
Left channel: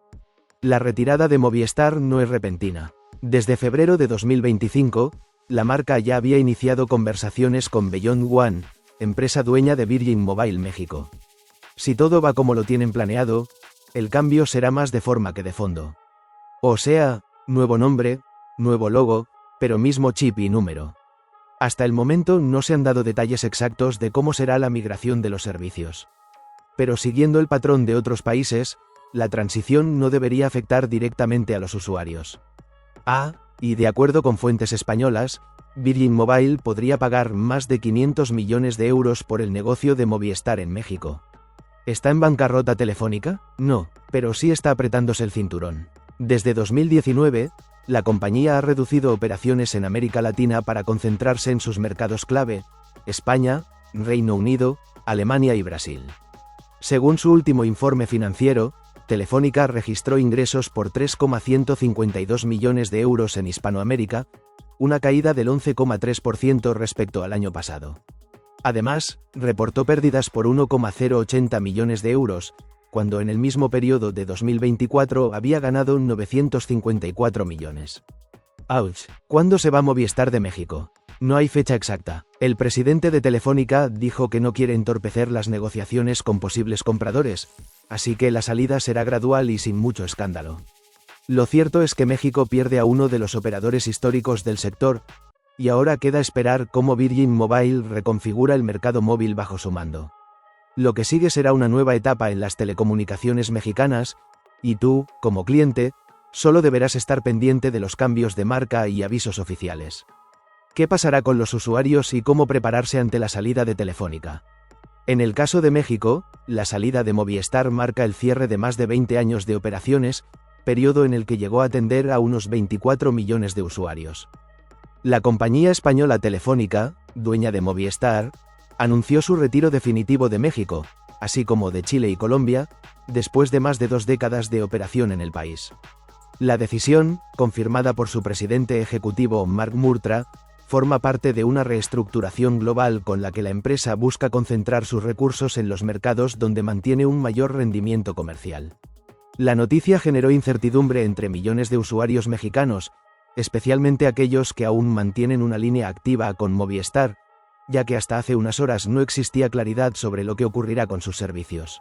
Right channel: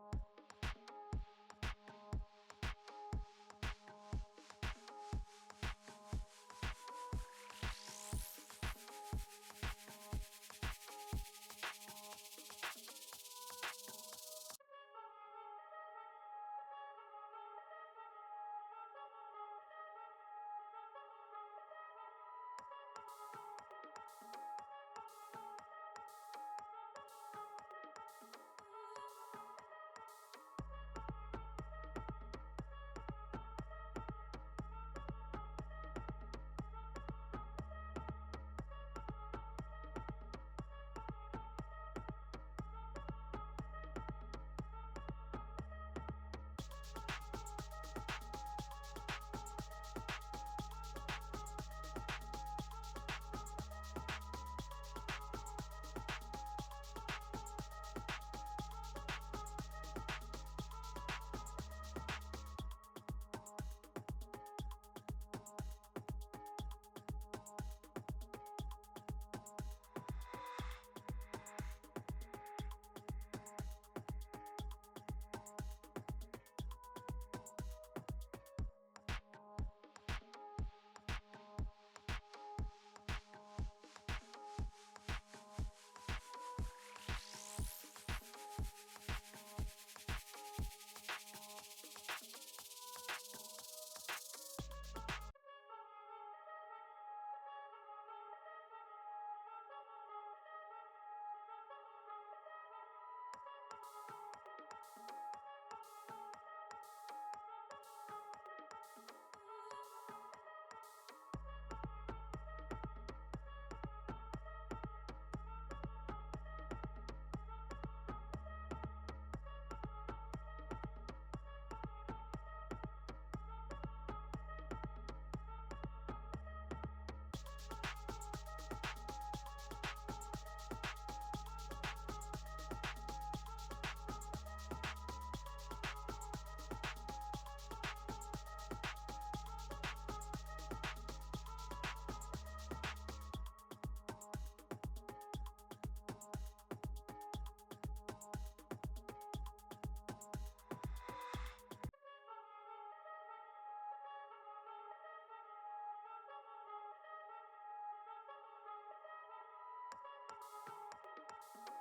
La retirada de Movistar no es repentina. Desde febrero de 2025, la marca ya había iniciado conversaciones con Beyond One, empresa dueña de Virgin Mobile México. Si todo va como lo tienen planeado, el cambio será más de forma que de fondo. O sea, nuevo nombre, nuevo logo, pero mismo chip y número. Hasta el momento no se han dado detalles exactos de cómo será la migración de los servicios. Pero siguiendo el patrón de otros países, la transición no debería afectar directamente a los usuarios. Y de acuerdo con fuentes españolas, Virgin Mobile podría pagar más de 500 millones de euros por el negocio de Movistar en México. ¿Está en bancarrota Telefónica? No, pero sí está apretándose el cinturón. Desde 2019, la compañía ha reducido operaciones en América Latina para concentrarse en sus mercados clave, España, Reino Unido, Alemania y Brasil. Según su último informe financiero, Telefónica registró ingresos por 3,152 millones de euros en Hispanoamérica, una caída del 11,3% respecto al año pasado. Además, reportó pérdidas por 1,080 millones de euros, cuando en el mismo periodo de 2024 había ganado 954 millones. ¡Auch! ¿Cuándo se va Movistar de México? No hay fecha exacta. El presidente de Telefónica dijo que no quiere entorpecer las negociaciones con posibles compradores, así que la salida será gradual y sin mucho escándalo. Lo cierto es que México pierde a uno de los operadores históricos del sector, y ahora queda esperar cómo Virgin Mobile reconfigura el mercado móvil bajo su mando. Lo que sigue será una nueva etapa en las telecomunicaciones mexicanas, y tú, como cliente, solo deberás estar pendiente de los cambios de marca y avisos oficiales. ¿Qué pasará con los usuarios y cómo prepararse ante la salida de Telefónica? En el caso de México, la salida de Movistar marca el cierre de más de 20 años de operaciones, periodo en el que llegó a atender a unos 24 millones de usuarios. La compañía española Telefónica, dueña de Movistar, anunció su retiro definitivo de México, así como de Chile y Colombia, después de más de 2 décadas de operación en el país. La decisión, confirmada por su presidente ejecutivo Marc Murtra, forma parte de una reestructuración global con la que la empresa busca concentrar sus recursos en los mercados donde mantiene un mayor rendimiento comercial. La noticia generó incertidumbre entre millones de usuarios mexicanos, especialmente aquellos que aún mantienen una línea activa con Movistar, ya que hasta hace unas horas no existía claridad sobre lo que ocurrirá con sus servicios.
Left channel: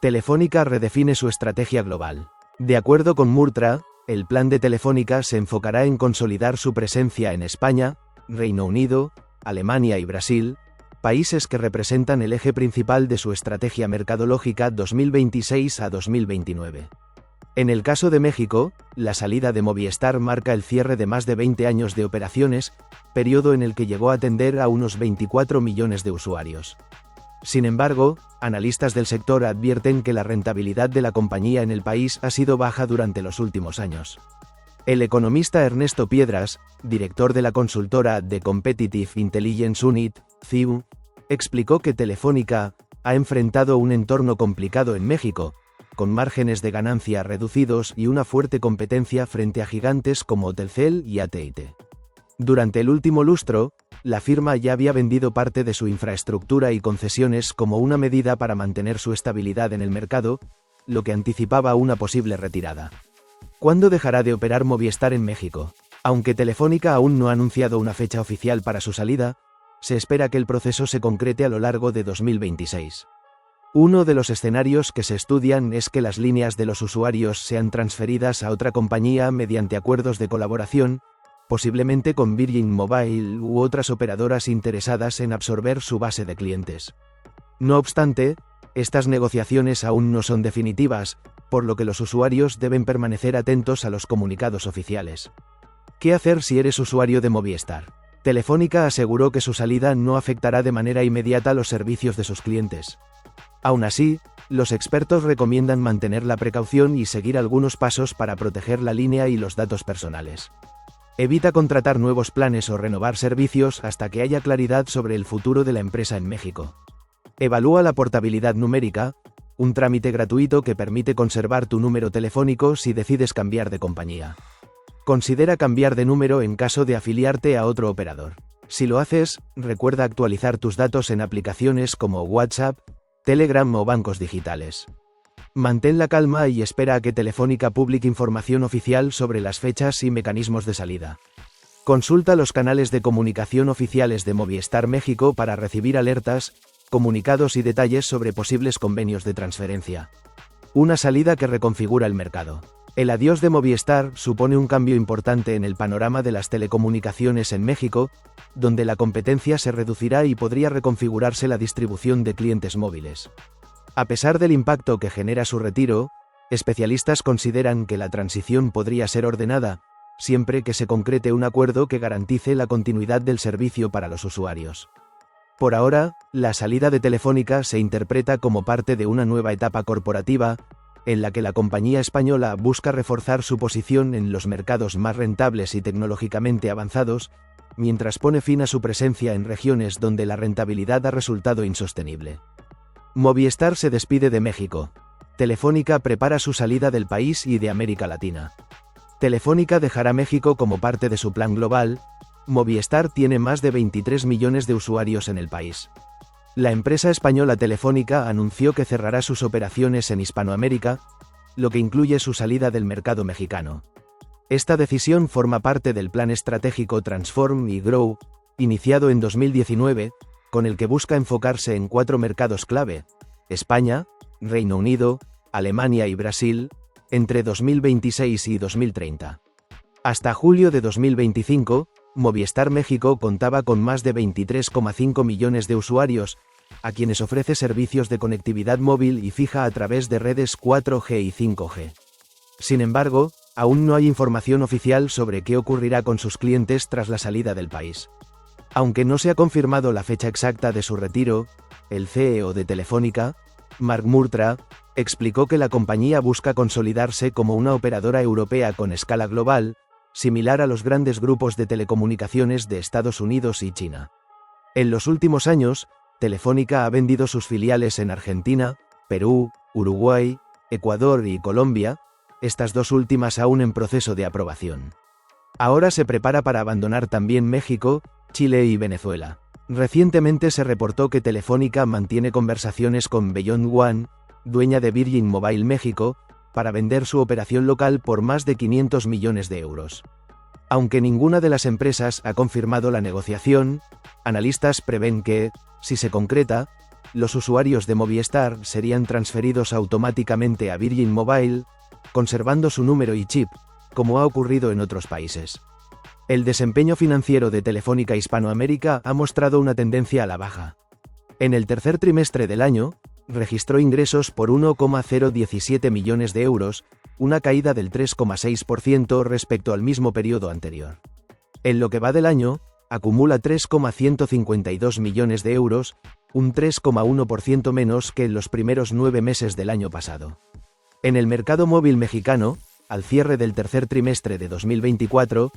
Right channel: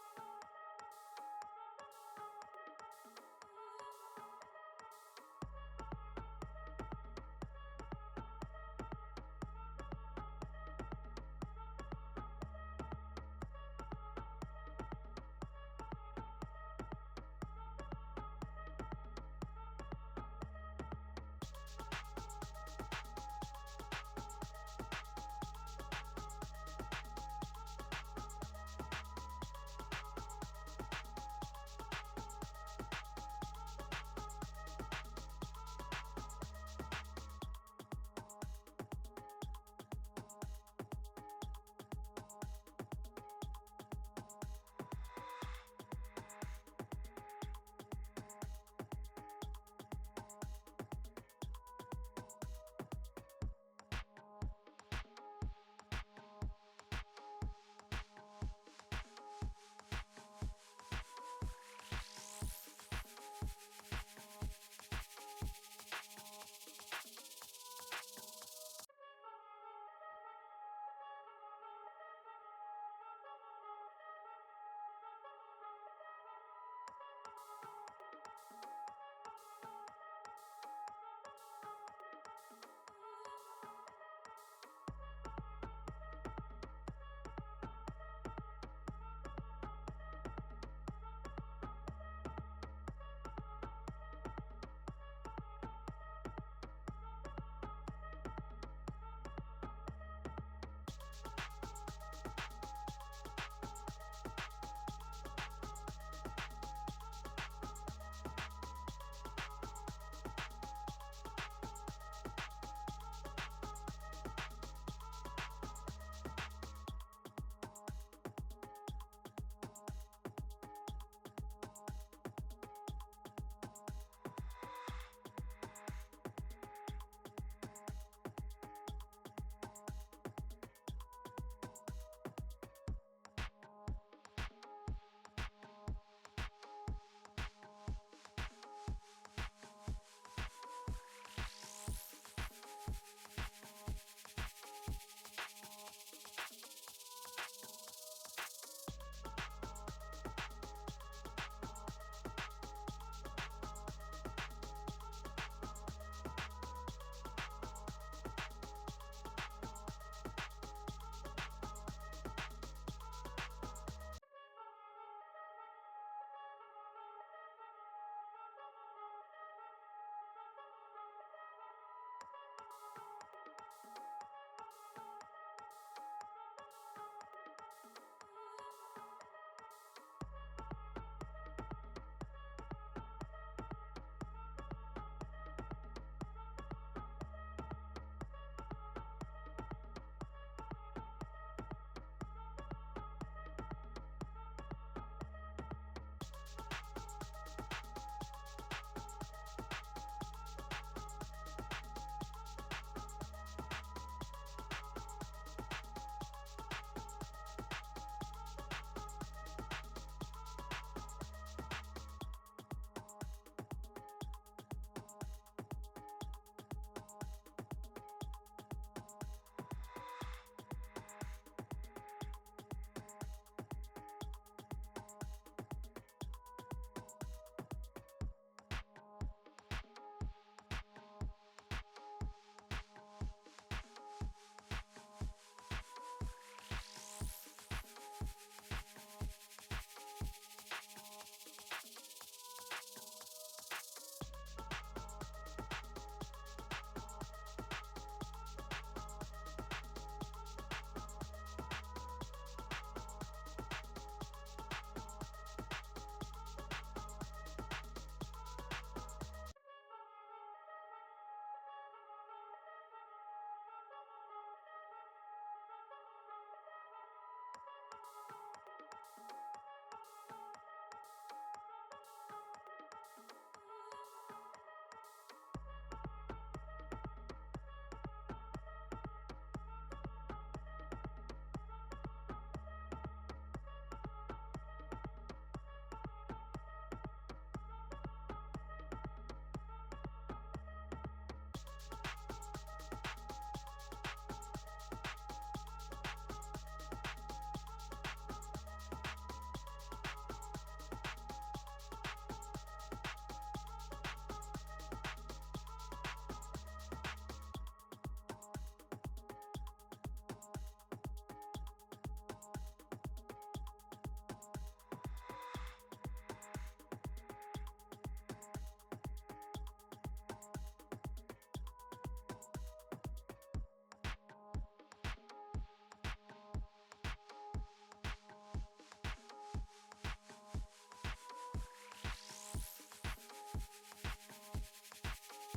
Telefónica redefine su estrategia global. De acuerdo con Murtra, el plan de Telefónica se enfocará en consolidar su presencia en España, Reino Unido, Alemania y Brasil, países que representan el eje principal de su estrategia mercadológica 2026 a 2029. En el caso de México, la salida de Movistar marca el cierre de más de 20 años de operaciones, periodo en el que llegó a atender a unos 24 millones de usuarios. Sin embargo, analistas del sector advierten que la rentabilidad de la compañía en el país ha sido baja durante los últimos años. El economista Ernesto Piedras, director de la consultora The Competitive Intelligence Unit, CIU, explicó que Telefónica ha enfrentado un entorno complicado en México, con márgenes de ganancia reducidos y una fuerte competencia frente a gigantes como Telcel y AT&T. Durante el último lustro, la firma ya había vendido parte de su infraestructura y concesiones como una medida para mantener su estabilidad en el mercado, lo que anticipaba una posible retirada. ¿Cuándo dejará de operar Movistar en México? Aunque Telefónica aún no ha anunciado una fecha oficial para su salida, se espera que el proceso se concrete a lo largo de 2026. Uno de los escenarios que se estudian es que las líneas de los usuarios sean transferidas a otra compañía mediante acuerdos de colaboración, posiblemente con Virgin Mobile u otras operadoras interesadas en absorber su base de clientes. No obstante, estas negociaciones aún no son definitivas, por lo que los usuarios deben permanecer atentos a los comunicados oficiales. ¿Qué hacer si eres usuario de Movistar? Telefónica aseguró que su salida no afectará de manera inmediata los servicios de sus clientes. Aún así, los expertos recomiendan mantener la precaución y seguir algunos pasos para proteger la línea y los datos personales. Evita contratar nuevos planes o renovar servicios hasta que haya claridad sobre el futuro de la empresa en México. Evalúa la portabilidad numérica, un trámite gratuito que permite conservar tu número telefónico si decides cambiar de compañía. Considera cambiar de número en caso de afiliarte a otro operador. Si lo haces, recuerda actualizar tus datos en aplicaciones como WhatsApp, Telegram o bancos digitales. Mantén la calma y espera a que Telefónica publique información oficial sobre las fechas y mecanismos de salida. Consulta los canales de comunicación oficiales de Movistar México para recibir alertas, comunicados y detalles sobre posibles convenios de transferencia. Una salida que reconfigura el mercado. El adiós de Movistar supone un cambio importante en el panorama de las telecomunicaciones en México, donde la competencia se reducirá y podría reconfigurarse la distribución de clientes móviles. A pesar del impacto que genera su retiro, especialistas consideran que la transición podría ser ordenada, siempre que se concrete un acuerdo que garantice la continuidad del servicio para los usuarios. Por ahora, la salida de Telefónica se interpreta como parte de una nueva etapa corporativa, en la que la compañía española busca reforzar su posición en los mercados más rentables y tecnológicamente avanzados, mientras pone fin a su presencia en regiones donde la rentabilidad ha resultado insostenible. Movistar se despide de México. Telefónica prepara su salida del país y de América Latina. Telefónica dejará México como parte de su plan global. Movistar tiene más de 23 millones de usuarios en el país. La empresa española Telefónica anunció que cerrará sus operaciones en Hispanoamérica, lo que incluye su salida del mercado mexicano. Esta decisión forma parte del plan estratégico Transform y Grow, iniciado en 2019, con el que busca enfocarse en 4 mercados clave: España, Reino Unido, Alemania y Brasil, entre 2026 y 2030. Hasta julio de 2025, Movistar México contaba con más de 23,5 millones de usuarios, a quienes ofrece servicios de conectividad móvil y fija a través de redes 4G y 5G. Sin embargo, aún no hay información oficial sobre qué ocurrirá con sus clientes tras la salida del país. Aunque no se ha confirmado la fecha exacta de su retiro, el CEO de Telefónica, Mark Murtra, explicó que la compañía busca consolidarse como una operadora europea con escala global, similar a los grandes grupos de telecomunicaciones de Estados Unidos y China. En los últimos años, Telefónica ha vendido sus filiales en Argentina, Perú, Uruguay, Ecuador y Colombia, estas dos últimas aún en proceso de aprobación. Ahora se prepara para abandonar también México, Chile y Venezuela. Recientemente se reportó que Telefónica mantiene conversaciones con Beyond One, dueña de Virgin Mobile México, para vender su operación local por más de 500 millones de euros. Aunque ninguna de las empresas ha confirmado la negociación, analistas prevén que, si se concreta, los usuarios de Movistar serían transferidos automáticamente a Virgin Mobile, conservando su número y chip, como ha ocurrido en otros países. El desempeño financiero de Telefónica Hispanoamérica ha mostrado una tendencia a la baja. En el tercer trimestre del año, registró ingresos por 1,017 millones de euros, una caída del 3,6% respecto al mismo periodo anterior. En lo que va del año, acumula 3,152 millones de euros, un 3,1% menos que en los primeros 9 meses del año pasado. En el mercado móvil mexicano, al cierre del tercer trimestre de 2024,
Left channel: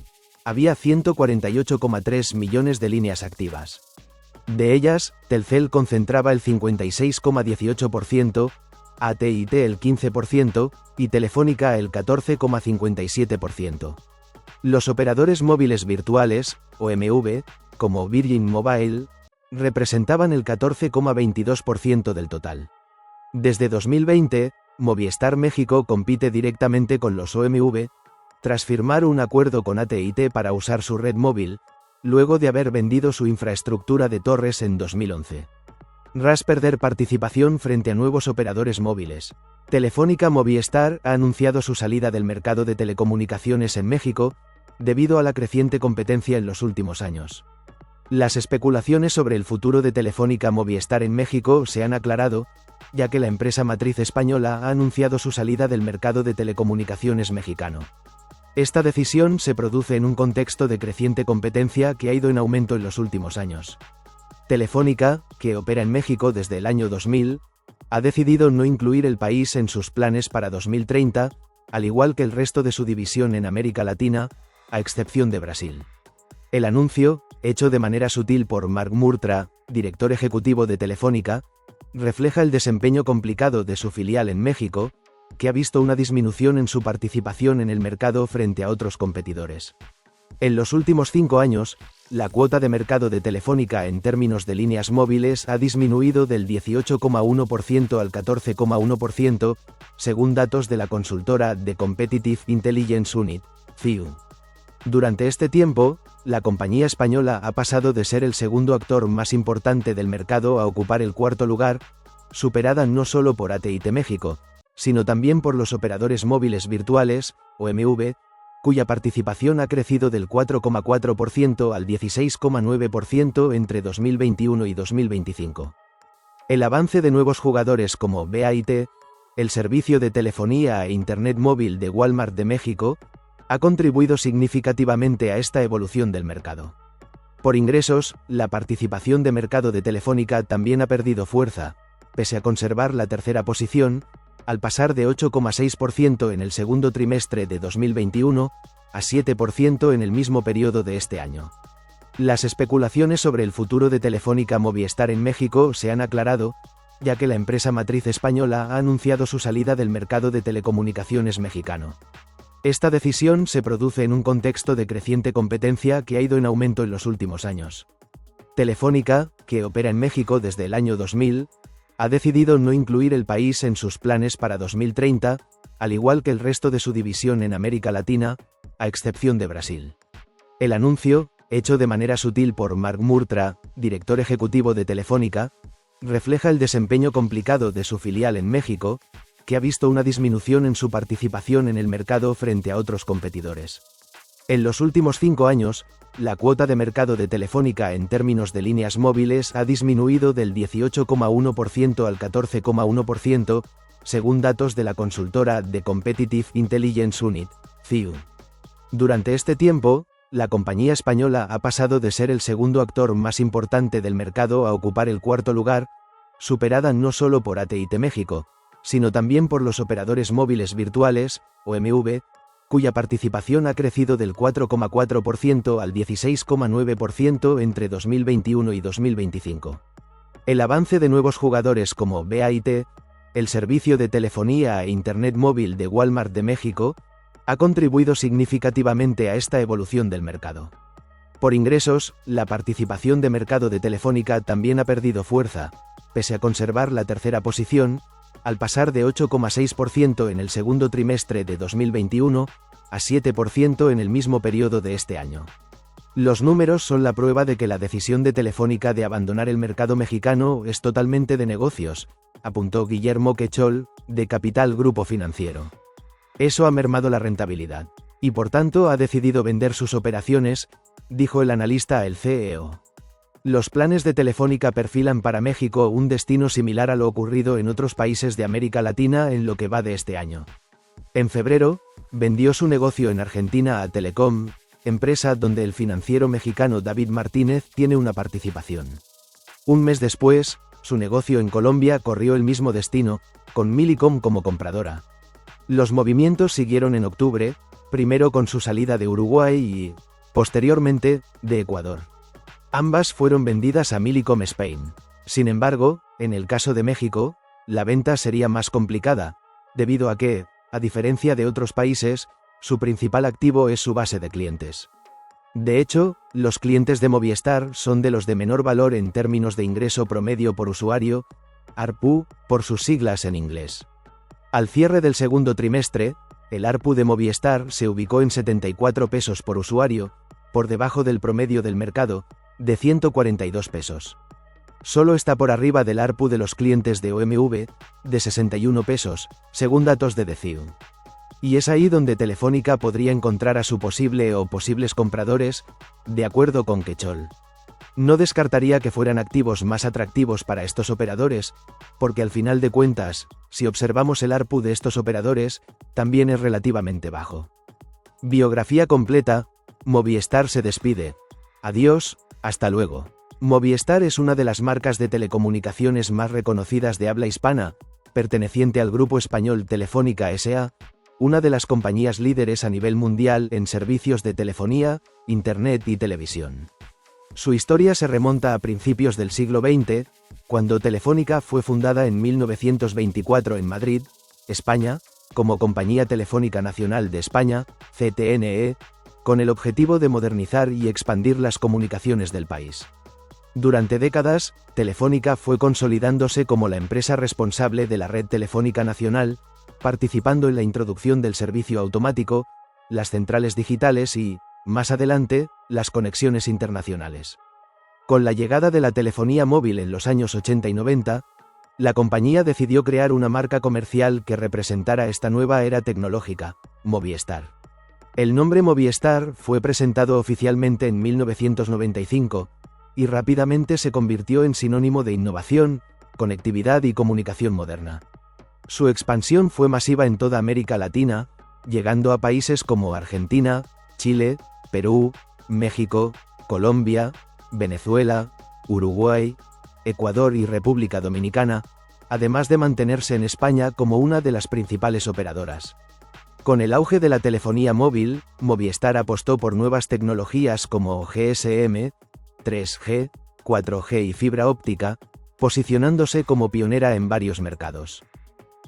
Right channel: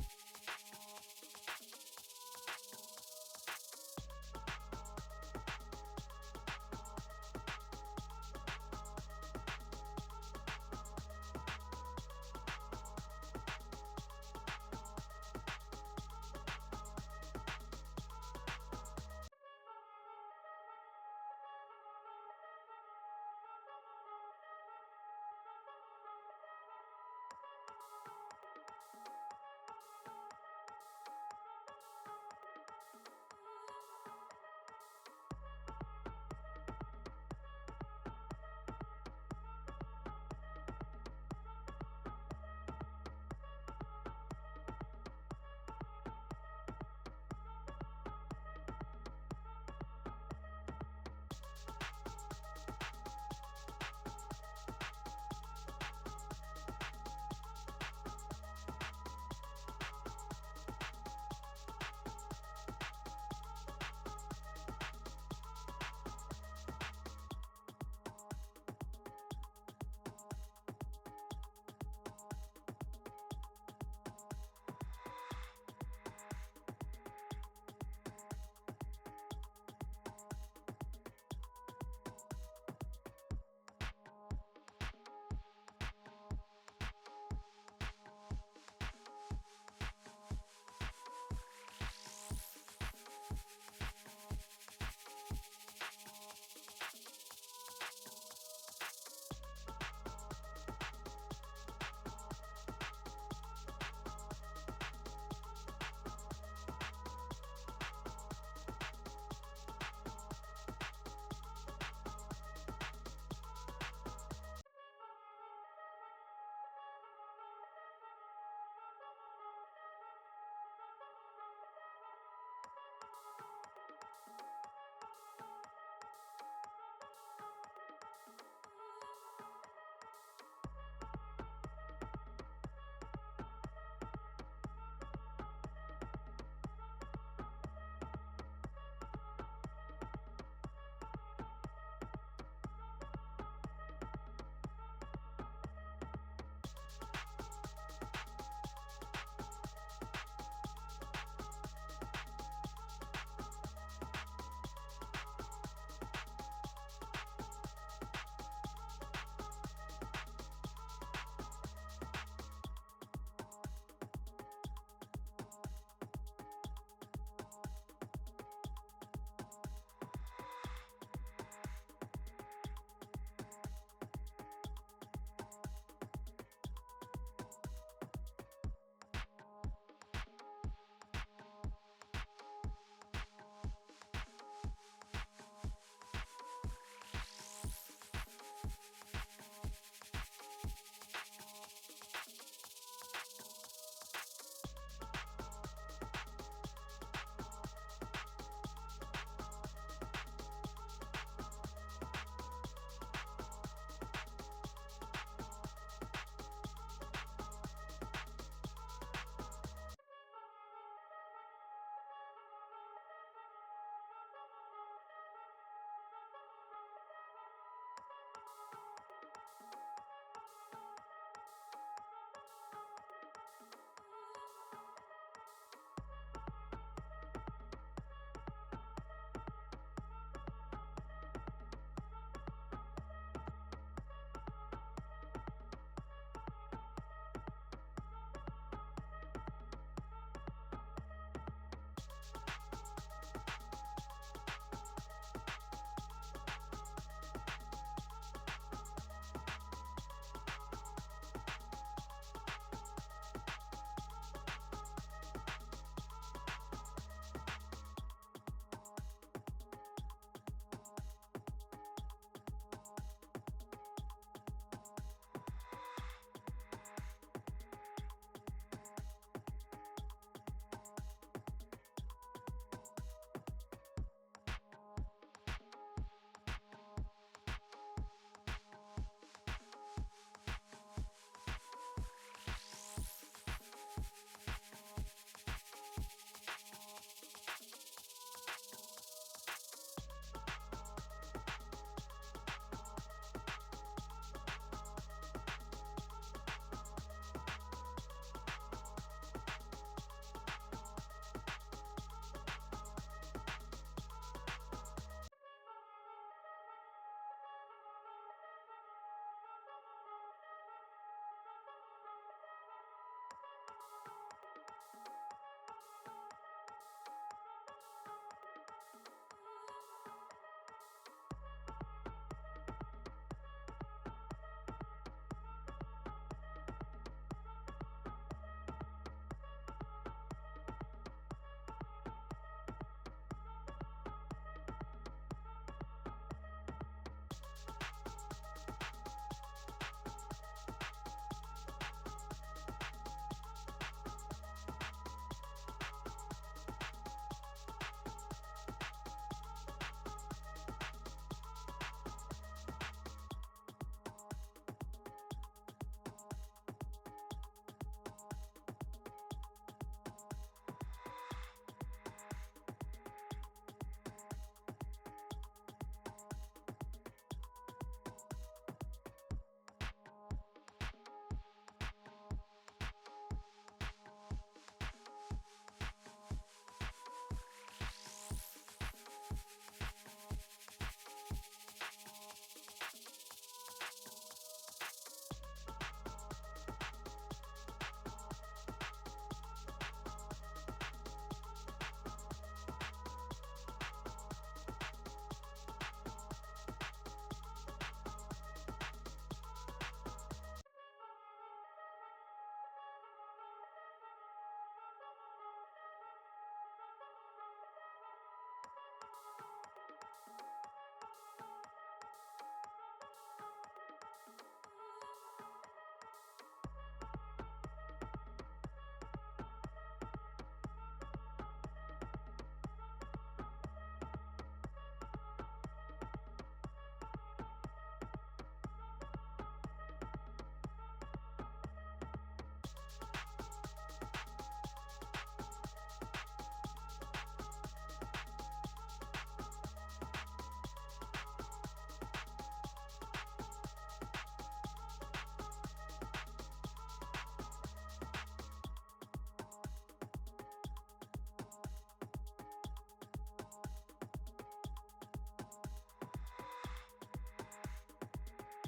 había 148,3 millones de líneas activas. De ellas, Telcel concentraba el 56,18%, AT&T el 15% y Telefónica el 14,57%. Los operadores móviles virtuales, OMV, como Virgin Mobile, representaban el 14,22% del total. Desde 2020, Movistar México compite directamente con los OMV, tras firmar un acuerdo con AT&T para usar su red móvil, luego de haber vendido su infraestructura de torres en 2011. Tras perder participación frente a nuevos operadores móviles, Telefónica Movistar ha anunciado su salida del mercado de telecomunicaciones en México, debido a la creciente competencia en los últimos años. Las especulaciones sobre el futuro de Telefónica Movistar en México se han aclarado, ya que la empresa matriz española ha anunciado su salida del mercado de telecomunicaciones mexicano. Esta decisión se produce en un contexto de creciente competencia que ha ido en aumento en los últimos años. Telefónica, que opera en México desde el año 2000, ha decidido no incluir el país en sus planes para 2030, al igual que el resto de su división en América Latina, a excepción de Brasil. El anuncio, hecho de manera sutil por Mark Murtra, director ejecutivo de Telefónica, refleja el desempeño complicado de su filial en México, que ha visto una disminución en su participación en el mercado frente a otros competidores. En los últimos 5 años, la cuota de mercado de Telefónica en términos de líneas móviles ha disminuido del 18,1% al 14,1%, según datos de la consultora The Competitive Intelligence Unit, CIU. Durante este tiempo, la compañía española ha pasado de ser el segundo actor más importante del mercado a ocupar el cuarto lugar, superada no solo por AT&T México, sino también por los operadores móviles virtuales, OMV, cuya participación ha crecido del 4,4% al 16,9% entre 2021 y 2025. El avance de nuevos jugadores como BAIT, el servicio de telefonía e Internet móvil de Walmart de México, ha contribuido significativamente a esta evolución del mercado. Por ingresos, la participación de mercado de Telefónica también ha perdido fuerza, pese a conservar la tercera posición, al pasar de 8,6% en el segundo trimestre de 2021 a 7% en el mismo periodo de este año. Las especulaciones sobre el futuro de Telefónica Movistar en México se han aclarado, ya que la empresa matriz española ha anunciado su salida del mercado de telecomunicaciones mexicano. Esta decisión se produce en un contexto de creciente competencia que ha ido en aumento en los últimos años. Telefónica, que opera en México desde el año 2000, ha decidido no incluir el país en sus planes para 2030, al igual que el resto de su división en América Latina, a excepción de Brasil. El anuncio, hecho de manera sutil por Mark Murtra, director ejecutivo de Telefónica, refleja el desempeño complicado de su filial en México, que ha visto una disminución en su participación en el mercado frente a otros competidores. En los últimos 5 años, la cuota de mercado de Telefónica en términos de líneas móviles ha disminuido del 18,1% al 14,1%, según datos de la consultora The Competitive Intelligence Unit, CIU. Durante este tiempo, la compañía española ha pasado de ser el segundo actor más importante del mercado a ocupar el cuarto lugar, superada no solo por AT&T México, sino también por los operadores móviles virtuales, OMV, cuya participación ha crecido del 4,4% al 16,9% entre 2021 y 2025. El avance de nuevos jugadores como BAIT, el servicio de telefonía e Internet móvil de Walmart de México, ha contribuido significativamente a esta evolución del mercado. Por ingresos, la participación de mercado de Telefónica también ha perdido fuerza, pese a conservar la tercera posición, al pasar de 8,6% en el segundo trimestre de 2021 a 7% en el mismo periodo de este año. Los números son la prueba de que la decisión de Telefónica de abandonar el mercado mexicano es totalmente de negocios, apuntó Guillermo Quechol, de Capital Grupo Financiero. Eso ha mermado la rentabilidad. y por tanto ha decidido vender sus operaciones, dijo el analista a El CEO. Los planes de Telefónica perfilan para México un destino similar a lo ocurrido en otros países de América Latina en lo que va de este año. En febrero, vendió su negocio en Argentina a Telecom, empresa donde el financiero mexicano David Martínez tiene una participación. Un mes después, su negocio en Colombia corrió el mismo destino, con Millicom como compradora. Los movimientos siguieron en octubre, primero con su salida de Uruguay y, posteriormente, de Ecuador. Ambas fueron vendidas a Millicom Spain. Sin embargo, en el caso de México, la venta sería más complicada, debido a que, a diferencia de otros países, su principal activo es su base de clientes. De hecho, los clientes de Movistar son de los de menor valor en términos de ingreso promedio por usuario, ARPU, por sus siglas en inglés. Al cierre del segundo trimestre, el ARPU de Movistar se ubicó en 74 pesos por usuario, por debajo del promedio del mercado, de 142 pesos. Solo está por arriba del ARPU de los clientes de OMV, de 61 pesos, según datos de DeCiu. Y es ahí donde Telefónica podría encontrar a su posible o posibles compradores, de acuerdo con Quechol. No descartaría que fueran activos más atractivos para estos operadores, porque al final de cuentas, si observamos el ARPU de estos operadores, también es relativamente bajo. Biografía completa: Movistar se despide. Adiós, hasta luego. Movistar es una de las marcas de telecomunicaciones más reconocidas de habla hispana, perteneciente al grupo español Telefónica S.A., una de las compañías líderes a nivel mundial en servicios de telefonía, internet y televisión. Su historia se remonta a principios del siglo XX, cuando Telefónica fue fundada en 1924 en Madrid, España, como Compañía Telefónica Nacional de España, CTNE, con el objetivo de modernizar y expandir las comunicaciones del país. Durante décadas, Telefónica fue consolidándose como la empresa responsable de la red telefónica nacional, participando en la introducción del servicio automático, las centrales digitales y, más adelante, las conexiones internacionales. Con la llegada de la telefonía móvil en los años 80 y 90, la compañía decidió crear una marca comercial que representara esta nueva era tecnológica, Movistar. El nombre Movistar fue presentado oficialmente en 1995, y rápidamente se convirtió en sinónimo de innovación, conectividad y comunicación moderna. Su expansión fue masiva en toda América Latina, llegando a países como Argentina, Chile, Perú, México, Colombia, Venezuela, Uruguay, Ecuador y República Dominicana, además de mantenerse en España como una de las principales operadoras. Con el auge de la telefonía móvil, Movistar apostó por nuevas tecnologías como GSM, 3G, 4G y fibra óptica, posicionándose como pionera en varios mercados.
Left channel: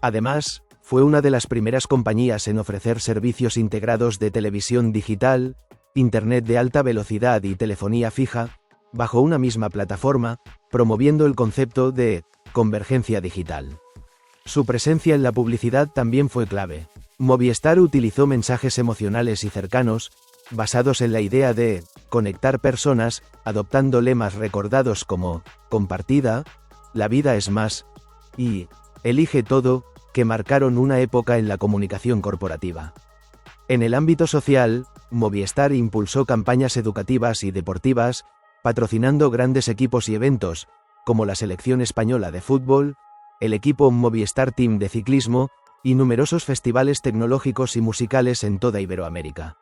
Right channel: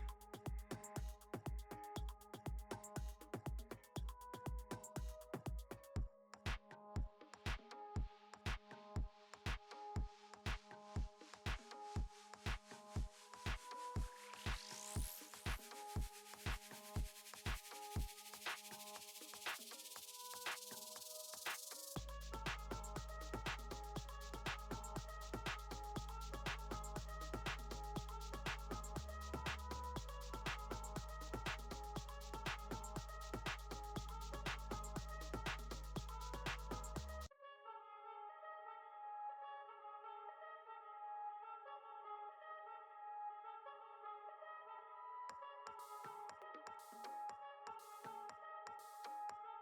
Además, fue una de las primeras compañías en ofrecer servicios integrados de televisión digital, internet de alta velocidad y telefonía fija, bajo una misma plataforma, promoviendo el concepto de convergencia digital. Su presencia en la publicidad también fue clave. Movistar utilizó mensajes emocionales y cercanos, basados en la idea de conectar personas, adoptando lemas recordados como compartida, la vida es más, y elige todo, que marcaron una época en la comunicación corporativa. En el ámbito social, Movistar impulsó campañas educativas y deportivas, patrocinando grandes equipos y eventos, como la selección española de fútbol, el equipo Movistar Team de ciclismo, y numerosos festivales tecnológicos y musicales en toda Iberoamérica.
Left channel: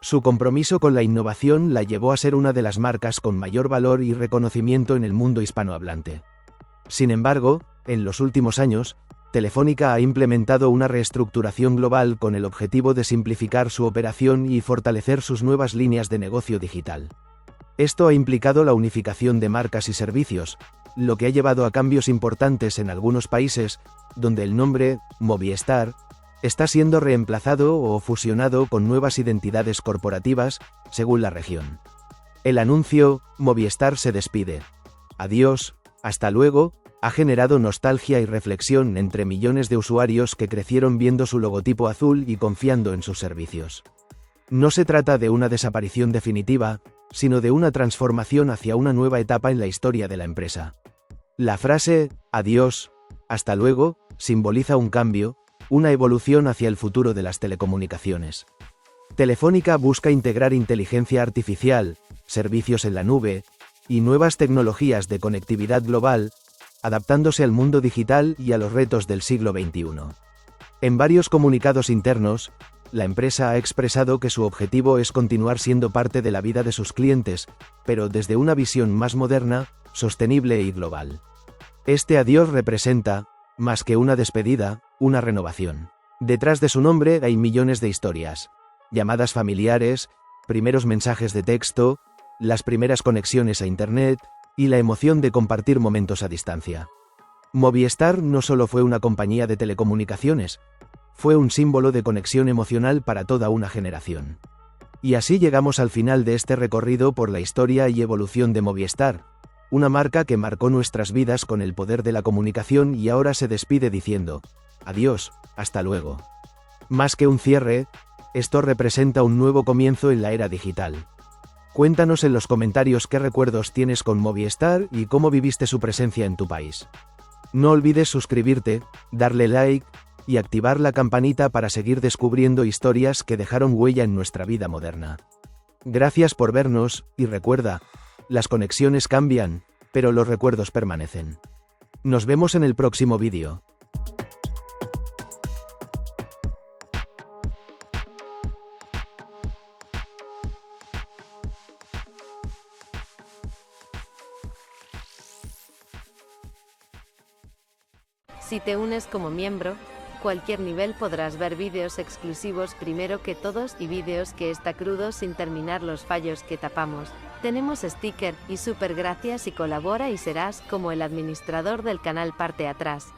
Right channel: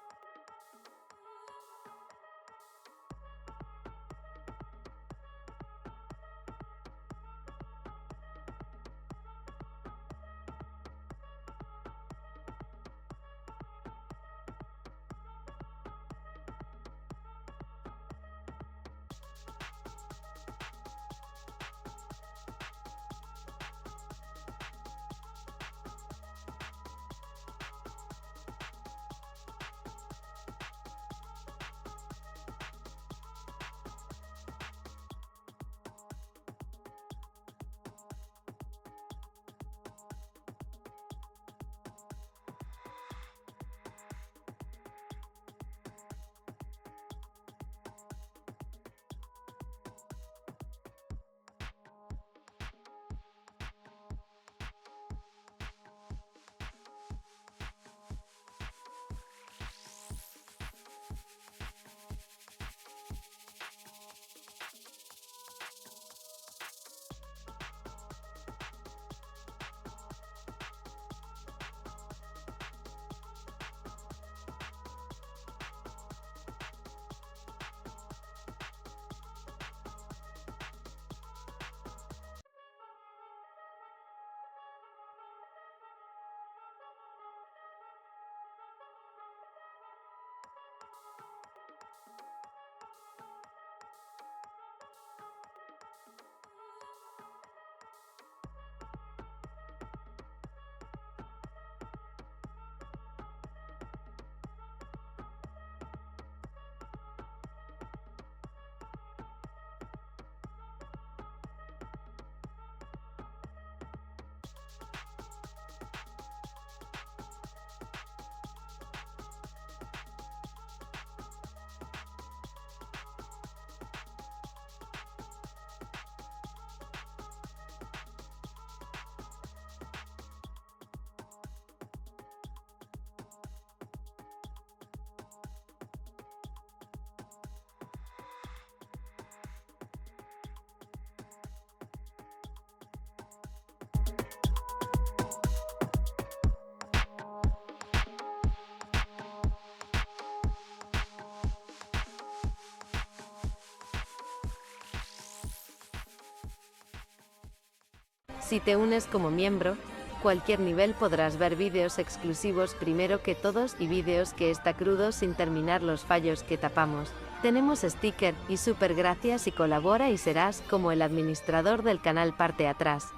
Su compromiso con la innovación la llevó a ser una de las marcas con mayor valor y reconocimiento en el mundo hispanohablante. Sin embargo, en los últimos años, Telefónica ha implementado una reestructuración global con el objetivo de simplificar su operación y fortalecer sus nuevas líneas de negocio digital. Esto ha implicado la unificación de marcas y servicios, lo que ha llevado a cambios importantes en algunos países, donde el nombre Movistar está siendo reemplazado o fusionado con nuevas identidades corporativas, según la región. El anuncio Movistar se despide. Adiós, hasta luego, ha generado nostalgia y reflexión entre millones de usuarios que crecieron viendo su logotipo azul y confiando en sus servicios. No se trata de una desaparición definitiva, sino de una transformación hacia una nueva etapa en la historia de la empresa. La frase adiós, hasta luego, simboliza un cambio, una evolución hacia el futuro de las telecomunicaciones. Telefónica busca integrar inteligencia artificial, servicios en la nube y nuevas tecnologías de conectividad global, adaptándose al mundo digital y a los retos del siglo XXI. En varios comunicados internos, la empresa ha expresado que su objetivo es continuar siendo parte de la vida de sus clientes, pero desde una visión más moderna, sostenible y global. Este adiós representa, más que una despedida, una renovación. Detrás de su nombre hay millones de historias. Llamadas familiares, primeros mensajes de texto, las primeras conexiones a Internet y la emoción de compartir momentos a distancia. Movistar no solo fue una compañía de telecomunicaciones, fue un símbolo de conexión emocional para toda una generación. Y así llegamos al final de este recorrido por la historia y evolución de Movistar, una marca que marcó nuestras vidas con el poder de la comunicación y ahora se despide diciendo, adiós, hasta luego. Más que un cierre, esto representa un nuevo comienzo en la era digital. Cuéntanos en los comentarios qué recuerdos tienes con Movistar y cómo viviste su presencia en tu país. No olvides suscribirte, darle like y activar la campanita para seguir descubriendo historias que dejaron huella en nuestra vida moderna. Gracias por vernos y recuerda, las conexiones cambian, pero los recuerdos permanecen. Nos vemos en el próximo vídeo. Si te unes como miembro, cualquier nivel podrás ver vídeos exclusivos primero que todos y vídeos que está crudo sin terminar los fallos que tapamos. Tenemos sticker y super gracias y colabora y serás como el administrador del canal parte atrás.